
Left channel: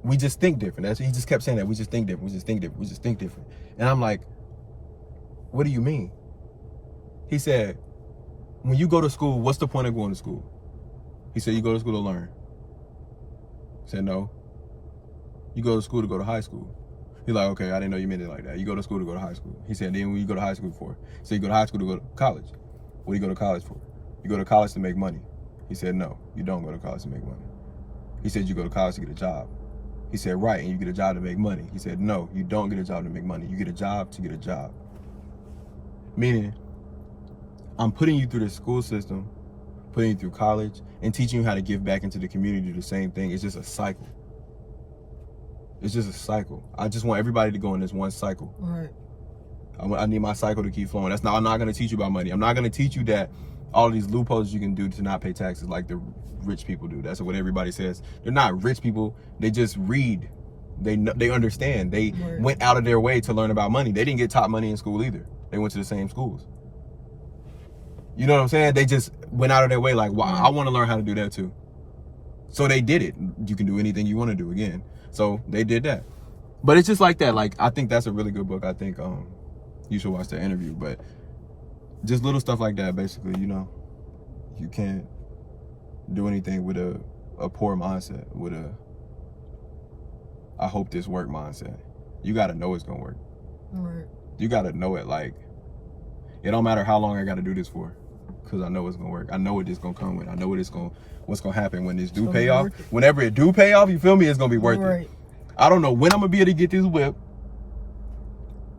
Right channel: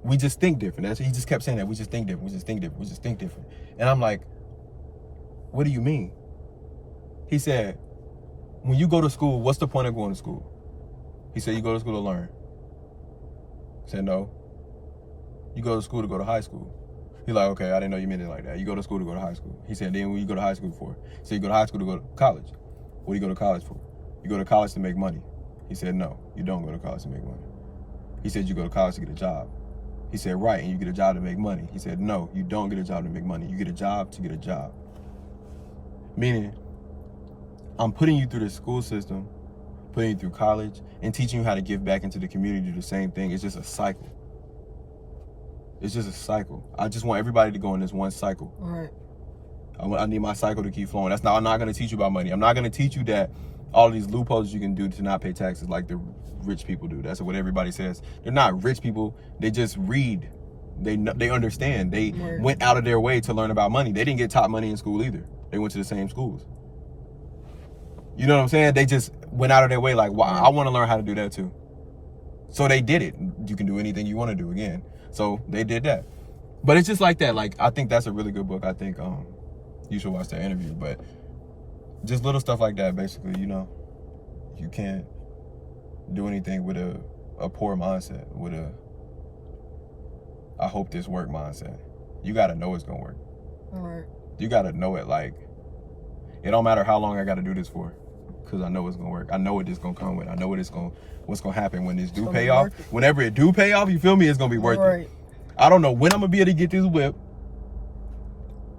we just think different. He just kept saying that. We just think different. We just think different. We just think different. And I'm like, what do you mean? He said, when you go to school, what's the point of going to school? He said, you go to school to learn. I said, no. You go to school to go to high school. He's like, okay, I didn't know you meant it like that. You go to school to go to high school. He said, then what you go to high school for? So you go to high school to go to college. What do you go to college for? You go to college to make money. He said, no, you don't go to college to make money. He said, you go to college to get a job. He said, right, and you get a job to make money. He said, no, you don't get a job to make money. You get a job to get a job. Meaning, I'm putting you through the school system, putting you through college, and teaching you how to give back into the community, do the same thing. It's just a cycle. It's just a cycle. I just want everybody to go in this one cycle. All right. I need my cycle to keep flowing. I'm not going to teach you about money. I'm not going to teach you that all of these loopholes you can do to not pay taxes like the rich people do. That's what everybody says. They're not rich people. They just read. They understand. They went out of their way to learn about money. They didn't get taught money in school either. They went to the same schools. You know what I'm saying? They just went out of their way like, wow, I want to learn how to do that too. So they did it. You can do anything you want to do again. So they did that. But it's just like that. Like, I think that's a really good book. I think you should watch that interview. But just little stuff like that, basically, you know. You can't do anything with a poor mindset, with a I hope this work mindset. You got to know it's going to work. Right. You got to know it. Like, it don't matter how long I got to do this for, because I know it's going to work. I know what this going to come with. I know what's going to happen when this do pay off. Whenever it do pay off, you feel me? It's going to be worth it. I don't know when I'm going to be able to get this whip.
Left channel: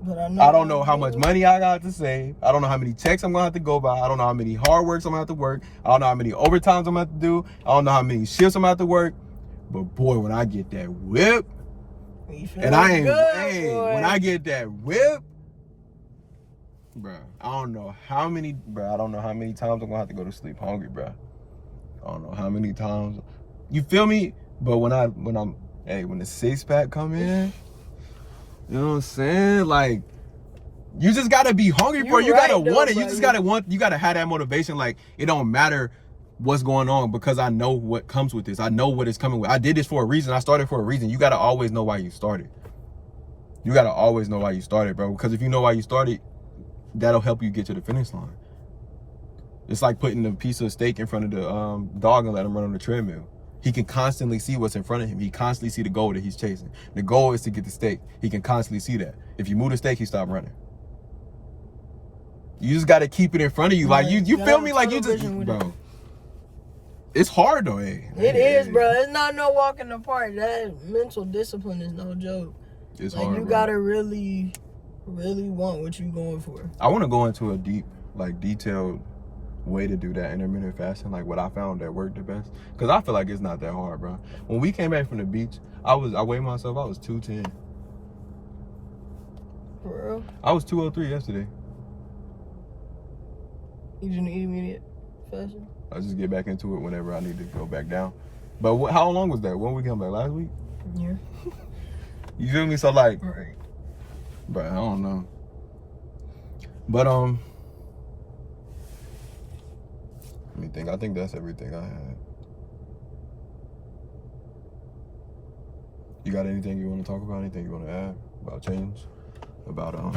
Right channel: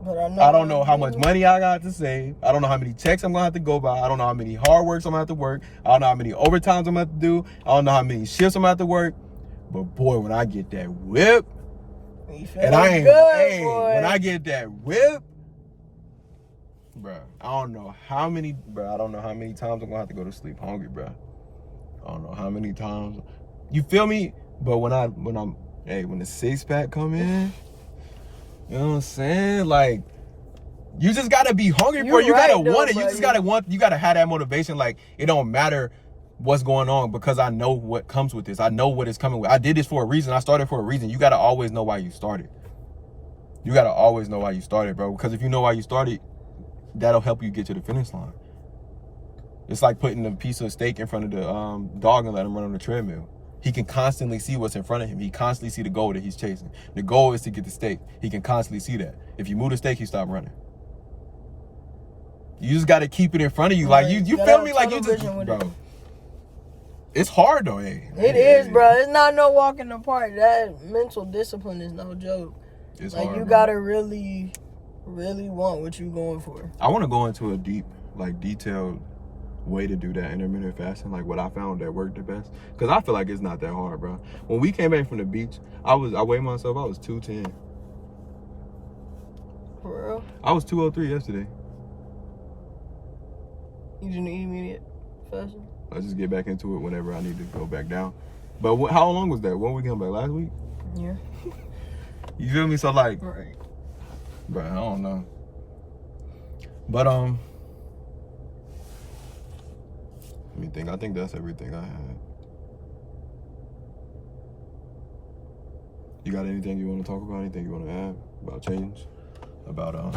But I don't know how much money I got to save. I don't know how many texts I'm going to have to go by. I don't know how many hard works I'm going to have to work. I don't know how many overtimes I'm going to have to do. I don't know how many shifts I'm going to have to work. But boy, when I get that whip, and I ain't, hey, when I get that whip, bro, I don't know how many times I'm going to have to go to sleep hungry, bro. I don't know how many times. You feel me? But when the six pack come in, you know what I'm saying? Like, You just gotta be hungry for it. You gotta want it. Bro, You just gotta want. You gotta have that motivation. Like, it don't matter what's going on because I know what comes with this. I know what is coming with. I did this for a reason. I started for a reason. You gotta always know why you started. You gotta always know why you started, bro. Because if you know why you started, that'll help you get to the finish line. It's like putting a piece of steak in front of the dog and let him run on the treadmill. He can constantly see what's in front of him. He constantly see the goal that he's chasing. The goal is to get the steak. He can constantly see that. If you move the steak, he stop running. You just gotta keep it in front of you. Like, you feel me? Like, you just, bro. It's hard though, eh? It is, bro. It's not no walk in the park. That mental discipline is no joke. It's like, hard, you bro. gotta really want what you going for. I want to go into a deep, like, detailed way to do that intermittent fasting, like what I found that worked the best, because I feel like it's not that hard, bro. When we came back from the beach, I weighed myself, I was 210. For real? I was 203 yesterday. You didn't eat immediate fasting? I just get back into it whenever I need to go back down. But how long was that? When we come back? Last week? Yeah. You feel me? So, like, right. Bro, I don't know. But let me think. I think that's everything I had. You got anything you want to talk about? Anything you want to add about change? About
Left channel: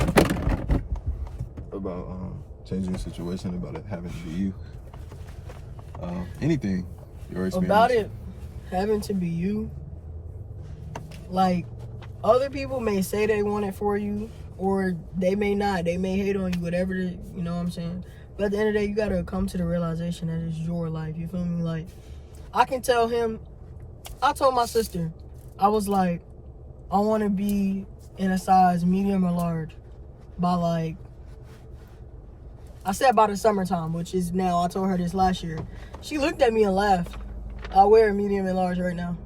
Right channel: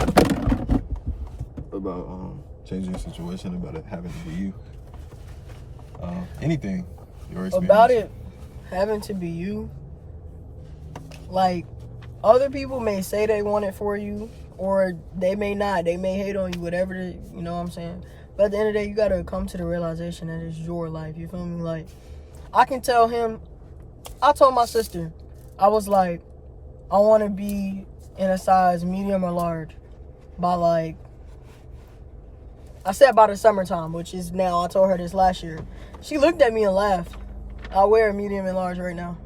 changing the situation, about it having to be you. Anything. Your experience. About it having to be you. Like, other people may say they want it for you, or they may not. They may hate on you, whatever. You know what I'm saying? But at the end of the day, you gotta come to the realization that it's your life. You feel me? Like, I can tell him. I told my sister, I was like, I want to be in a size medium or large by, like, I said by the summertime, which is now. I told her this last year. She looked at me and laughed. I wear a medium and large right now.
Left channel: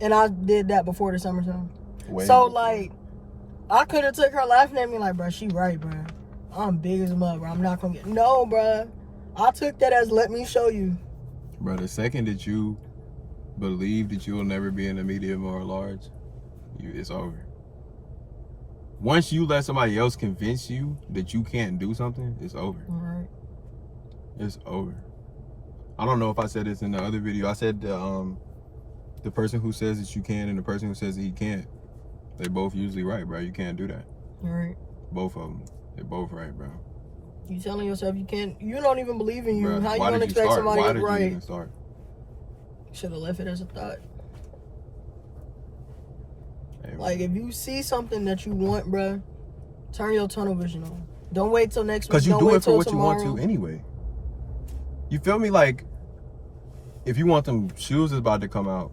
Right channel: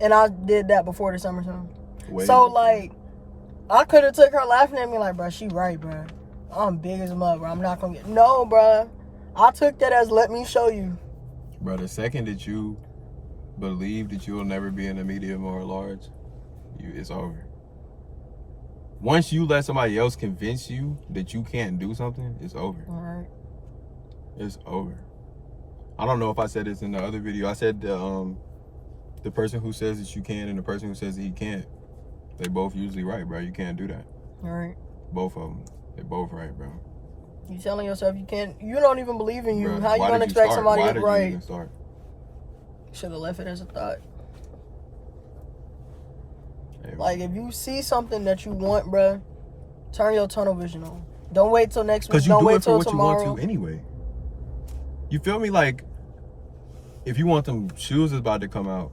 And I did that before the summertime. So, like, I could have took her laughing at me like, bro, she right, bro. I'm big as a mug, bro. I'm not going to get... No, bro. I took that as let me show you. Bro, the second that you believe that you'll never be in a medium or a large, it's over. Once you let somebody else convince you that you can't do something, it's over. All right. It's over. I don't know if I said this in the other video. I said the person who says that you can and the person who says that he can't, they both usually right, bro. You can't do that. All right. Both of them. They're both right, bro. You telling yourself you can't... You don't even believe in you. Bro, how you going to expect somebody to be right? Why did you even start? Should have left it as a thought. Hey, like, if you see something that you want, bro, turn your tunnel vision on. Don't wait till next week. Because you don't do wait it for till what tomorrow. you want to anyway. You feel me? Like, if you want them shoes that's about to come out,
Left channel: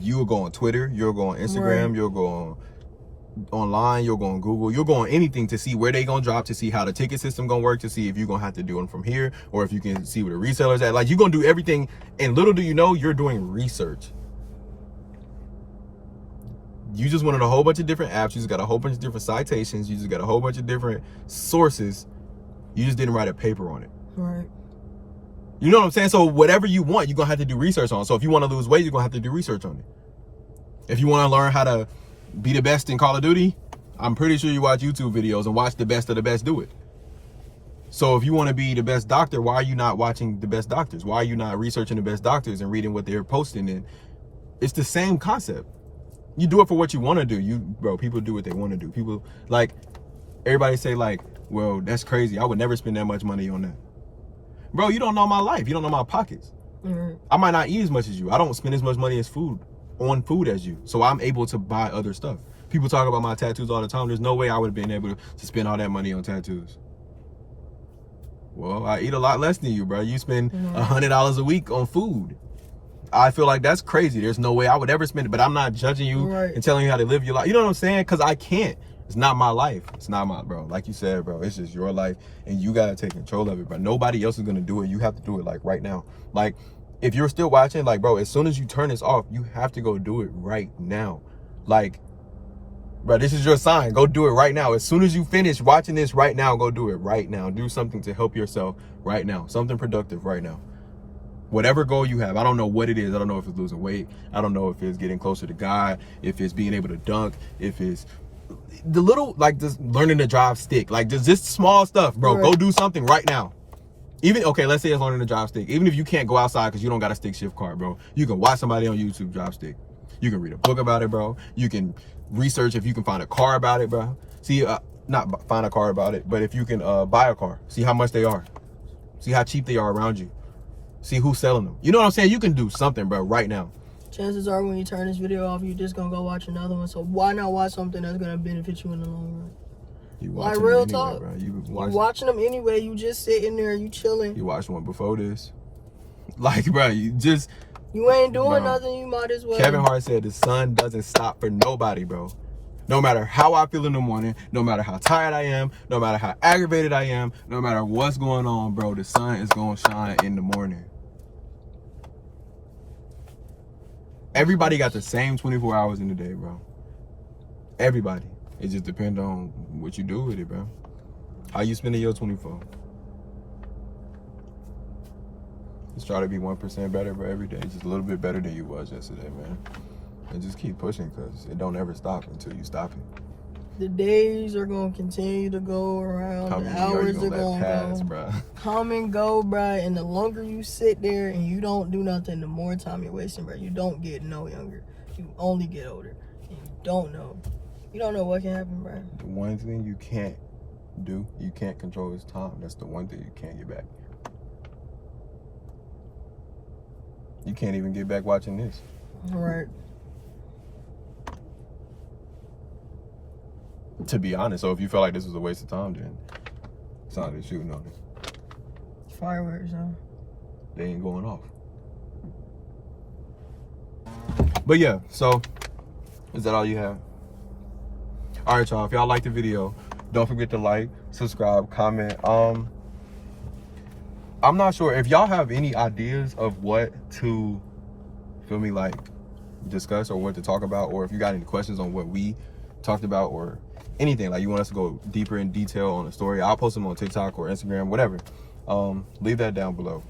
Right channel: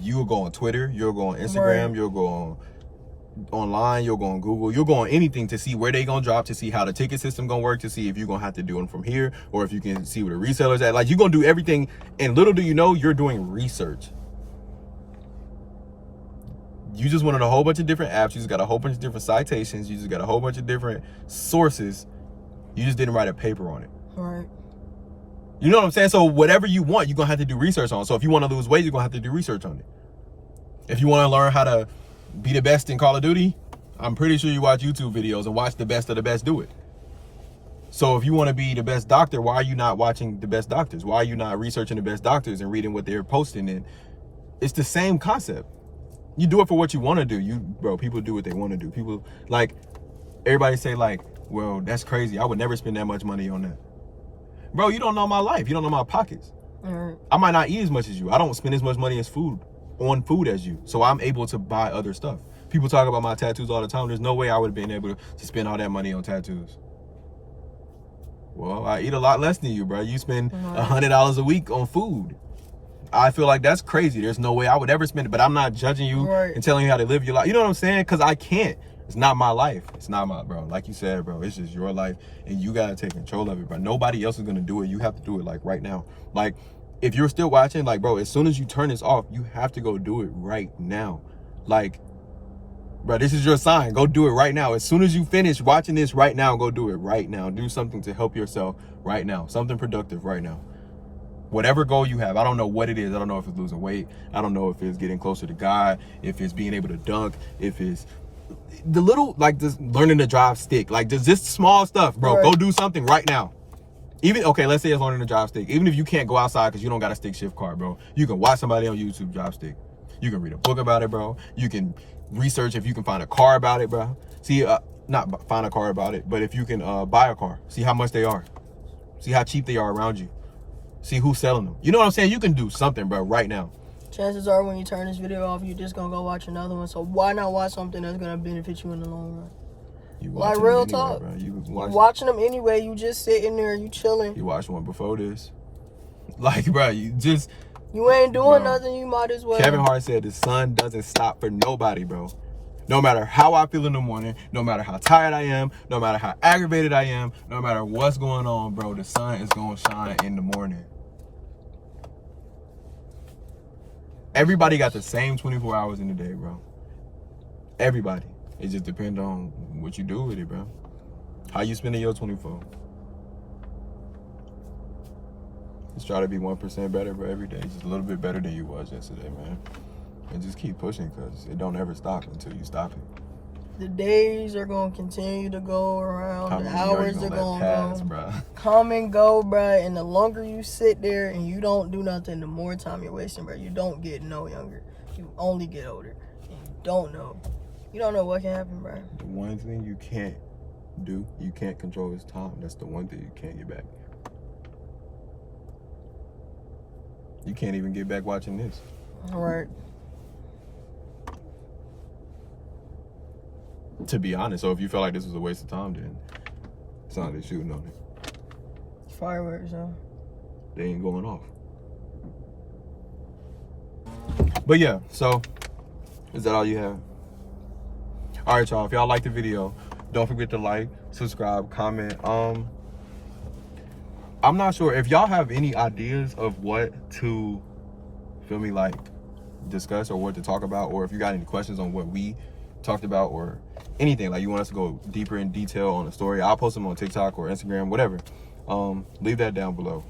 you'll go on Twitter, you'll go on Instagram, right. You'll go on online, you'll go on Google, you'll go on anything to see where they gonna drop, to see how the ticket system gonna work, to see if you're gonna have to do them from here, or if you can see where the resellers at. Like, you're gonna do everything, and little do you know, you're doing research. You just went on a whole bunch of different apps, you just got a whole bunch of different citations, you just got a whole bunch of different sources, you just didn't write a paper on it. Right. You know what I'm saying? So whatever you want, you're gonna have to do research on. So if you want to lose weight, you're gonna have to do research on it. If you want to learn how to be the best in Call of Duty, I'm pretty sure you watch YouTube videos and watch the best of the best do it. So if you want to be the best doctor, why are you not watching the best doctors? Why are you not researching the best doctors and reading what they're posting? And it's the same concept. You do it for what you want to do. Bro, people do what they want to do. People, like, everybody say, like, well, that's crazy. I would never spend that much money on that. Bro, you don't know my life. You don't know my pockets. Mm-hmm. I might not eat as much as you. I don't spend as much money on food as you. So I'm able to buy other stuff. People talk about my tattoos all the time. There's no way I would have been able to spend all that money on tattoos. Well, I eat a lot less than you, bro. You spend $100 a week on food. I feel like that's crazy. There's no way I would ever spend it, but I'm not judging you and telling you how to live your life. You know what I'm saying? Because I can't. It's not my life. It's not my, bro. Like you said, bro, it's just your life, and you got to take control of it, bro. Nobody else is going to do it. You have to do it, like, right now. Like, if you're still watching, like, bro, as soon as you turn this off, you have to go do it right now. Like, bro, this is your sign. Go do it right now. As soon as you finish watching this right now, go do it right now. Do something to help yourself right now. Something productive right now. Whatever goal you have, I don't know what it is. I don't know if it's losing weight. I don't know if it's getting closer to God, if it's being able to dunk, if it's the little, like, just learning to drive stick, like just small stuff, bro. Right. Go do something right now. Even, okay, let's say it's learning to drive stick. Even if you can't go outside because you don't got a stick shift car, bro, you can watch somebody on YouTube drive stick. You can read a book about it, bro. You can research if you can find a car about it, bro. See, not find a car about it, but if you can buy a car, see how much they are. See how cheap they are around you. See who's selling them. You know what I'm saying? You can do something, bro, right now. Chances are when you turn this video off, you're just gonna go watch another one. So why not watch something that's gonna benefit you in the long run? You Like watching real anyway, talk. bro. You watching them anyway. You just sitting there, you chilling. You watched one before this. Like, bro, you ain't doing bro. nothing. You might as well. Kevin Hart said the sun doesn't stop for nobody, bro. No matter how I feel in the morning, no matter how tired I am, no matter how aggravated I am, no matter what's going on, bro, the sun is gonna shine in the morning. Everybody got the same 24 hours in the day, bro. Everybody. It just depends on what you do with it, bro. How you spending your 24. Just try to be 1% better for every day. Just a little bit better than you was yesterday, man. And just keep pushing, because it don't ever stop until you stop it. The days are going to continue to go around. How the many hours you are going to pass, go. bro? Come and go, bro. And the longer you sit there and you don't do nothing, the more time you're wasting, bro. You don't get no younger. You only get older. And you don't know. You don't know what can happen, bro. The one thing you can't do, you can't control is time. That's the one thing you can't get back. You can't even get back watching this. All right. To be honest, so if you felt like this was a waste of time, then it's not like shooting on it. Fireworks, huh? They ain't going off. But yeah, so is that all you have? All right, y'all. If y'all like the video, don't forget to like, subscribe, comment. I'm not sure if y'all have any ideas of what to, feel me, like discuss or what to talk about, or if you got any questions on what we talked about or anything, like you want us to go deeper in detail on the story, I'll post them on TikTok or Instagram, whatever. Leave that down below.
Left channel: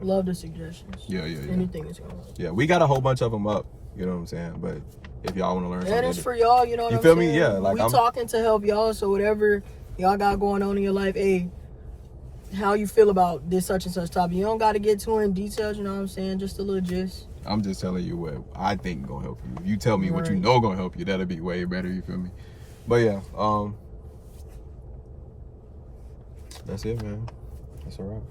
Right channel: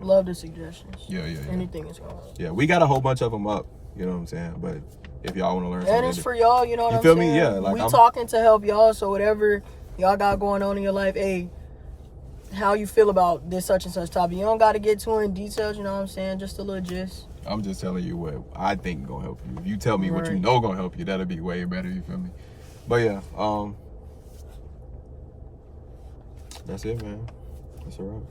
Love the suggestions. Yeah. Anything is going. Yeah, we got a whole bunch of them up. You know what I'm saying? But if y'all want to learn something, And it's for y'all, you know what you I'm feel saying? me? Yeah, like we I'm talking to help y'all, so whatever y'all got going on in your life, hey, how you feel about this such and such topic. You don't got to get too in details, you know what I'm saying? Just a little gist. I'm just telling you what I think gonna help you. If you tell me what you know gonna help you, that'll be way better, you feel me? But yeah, that's it, man. That's all right.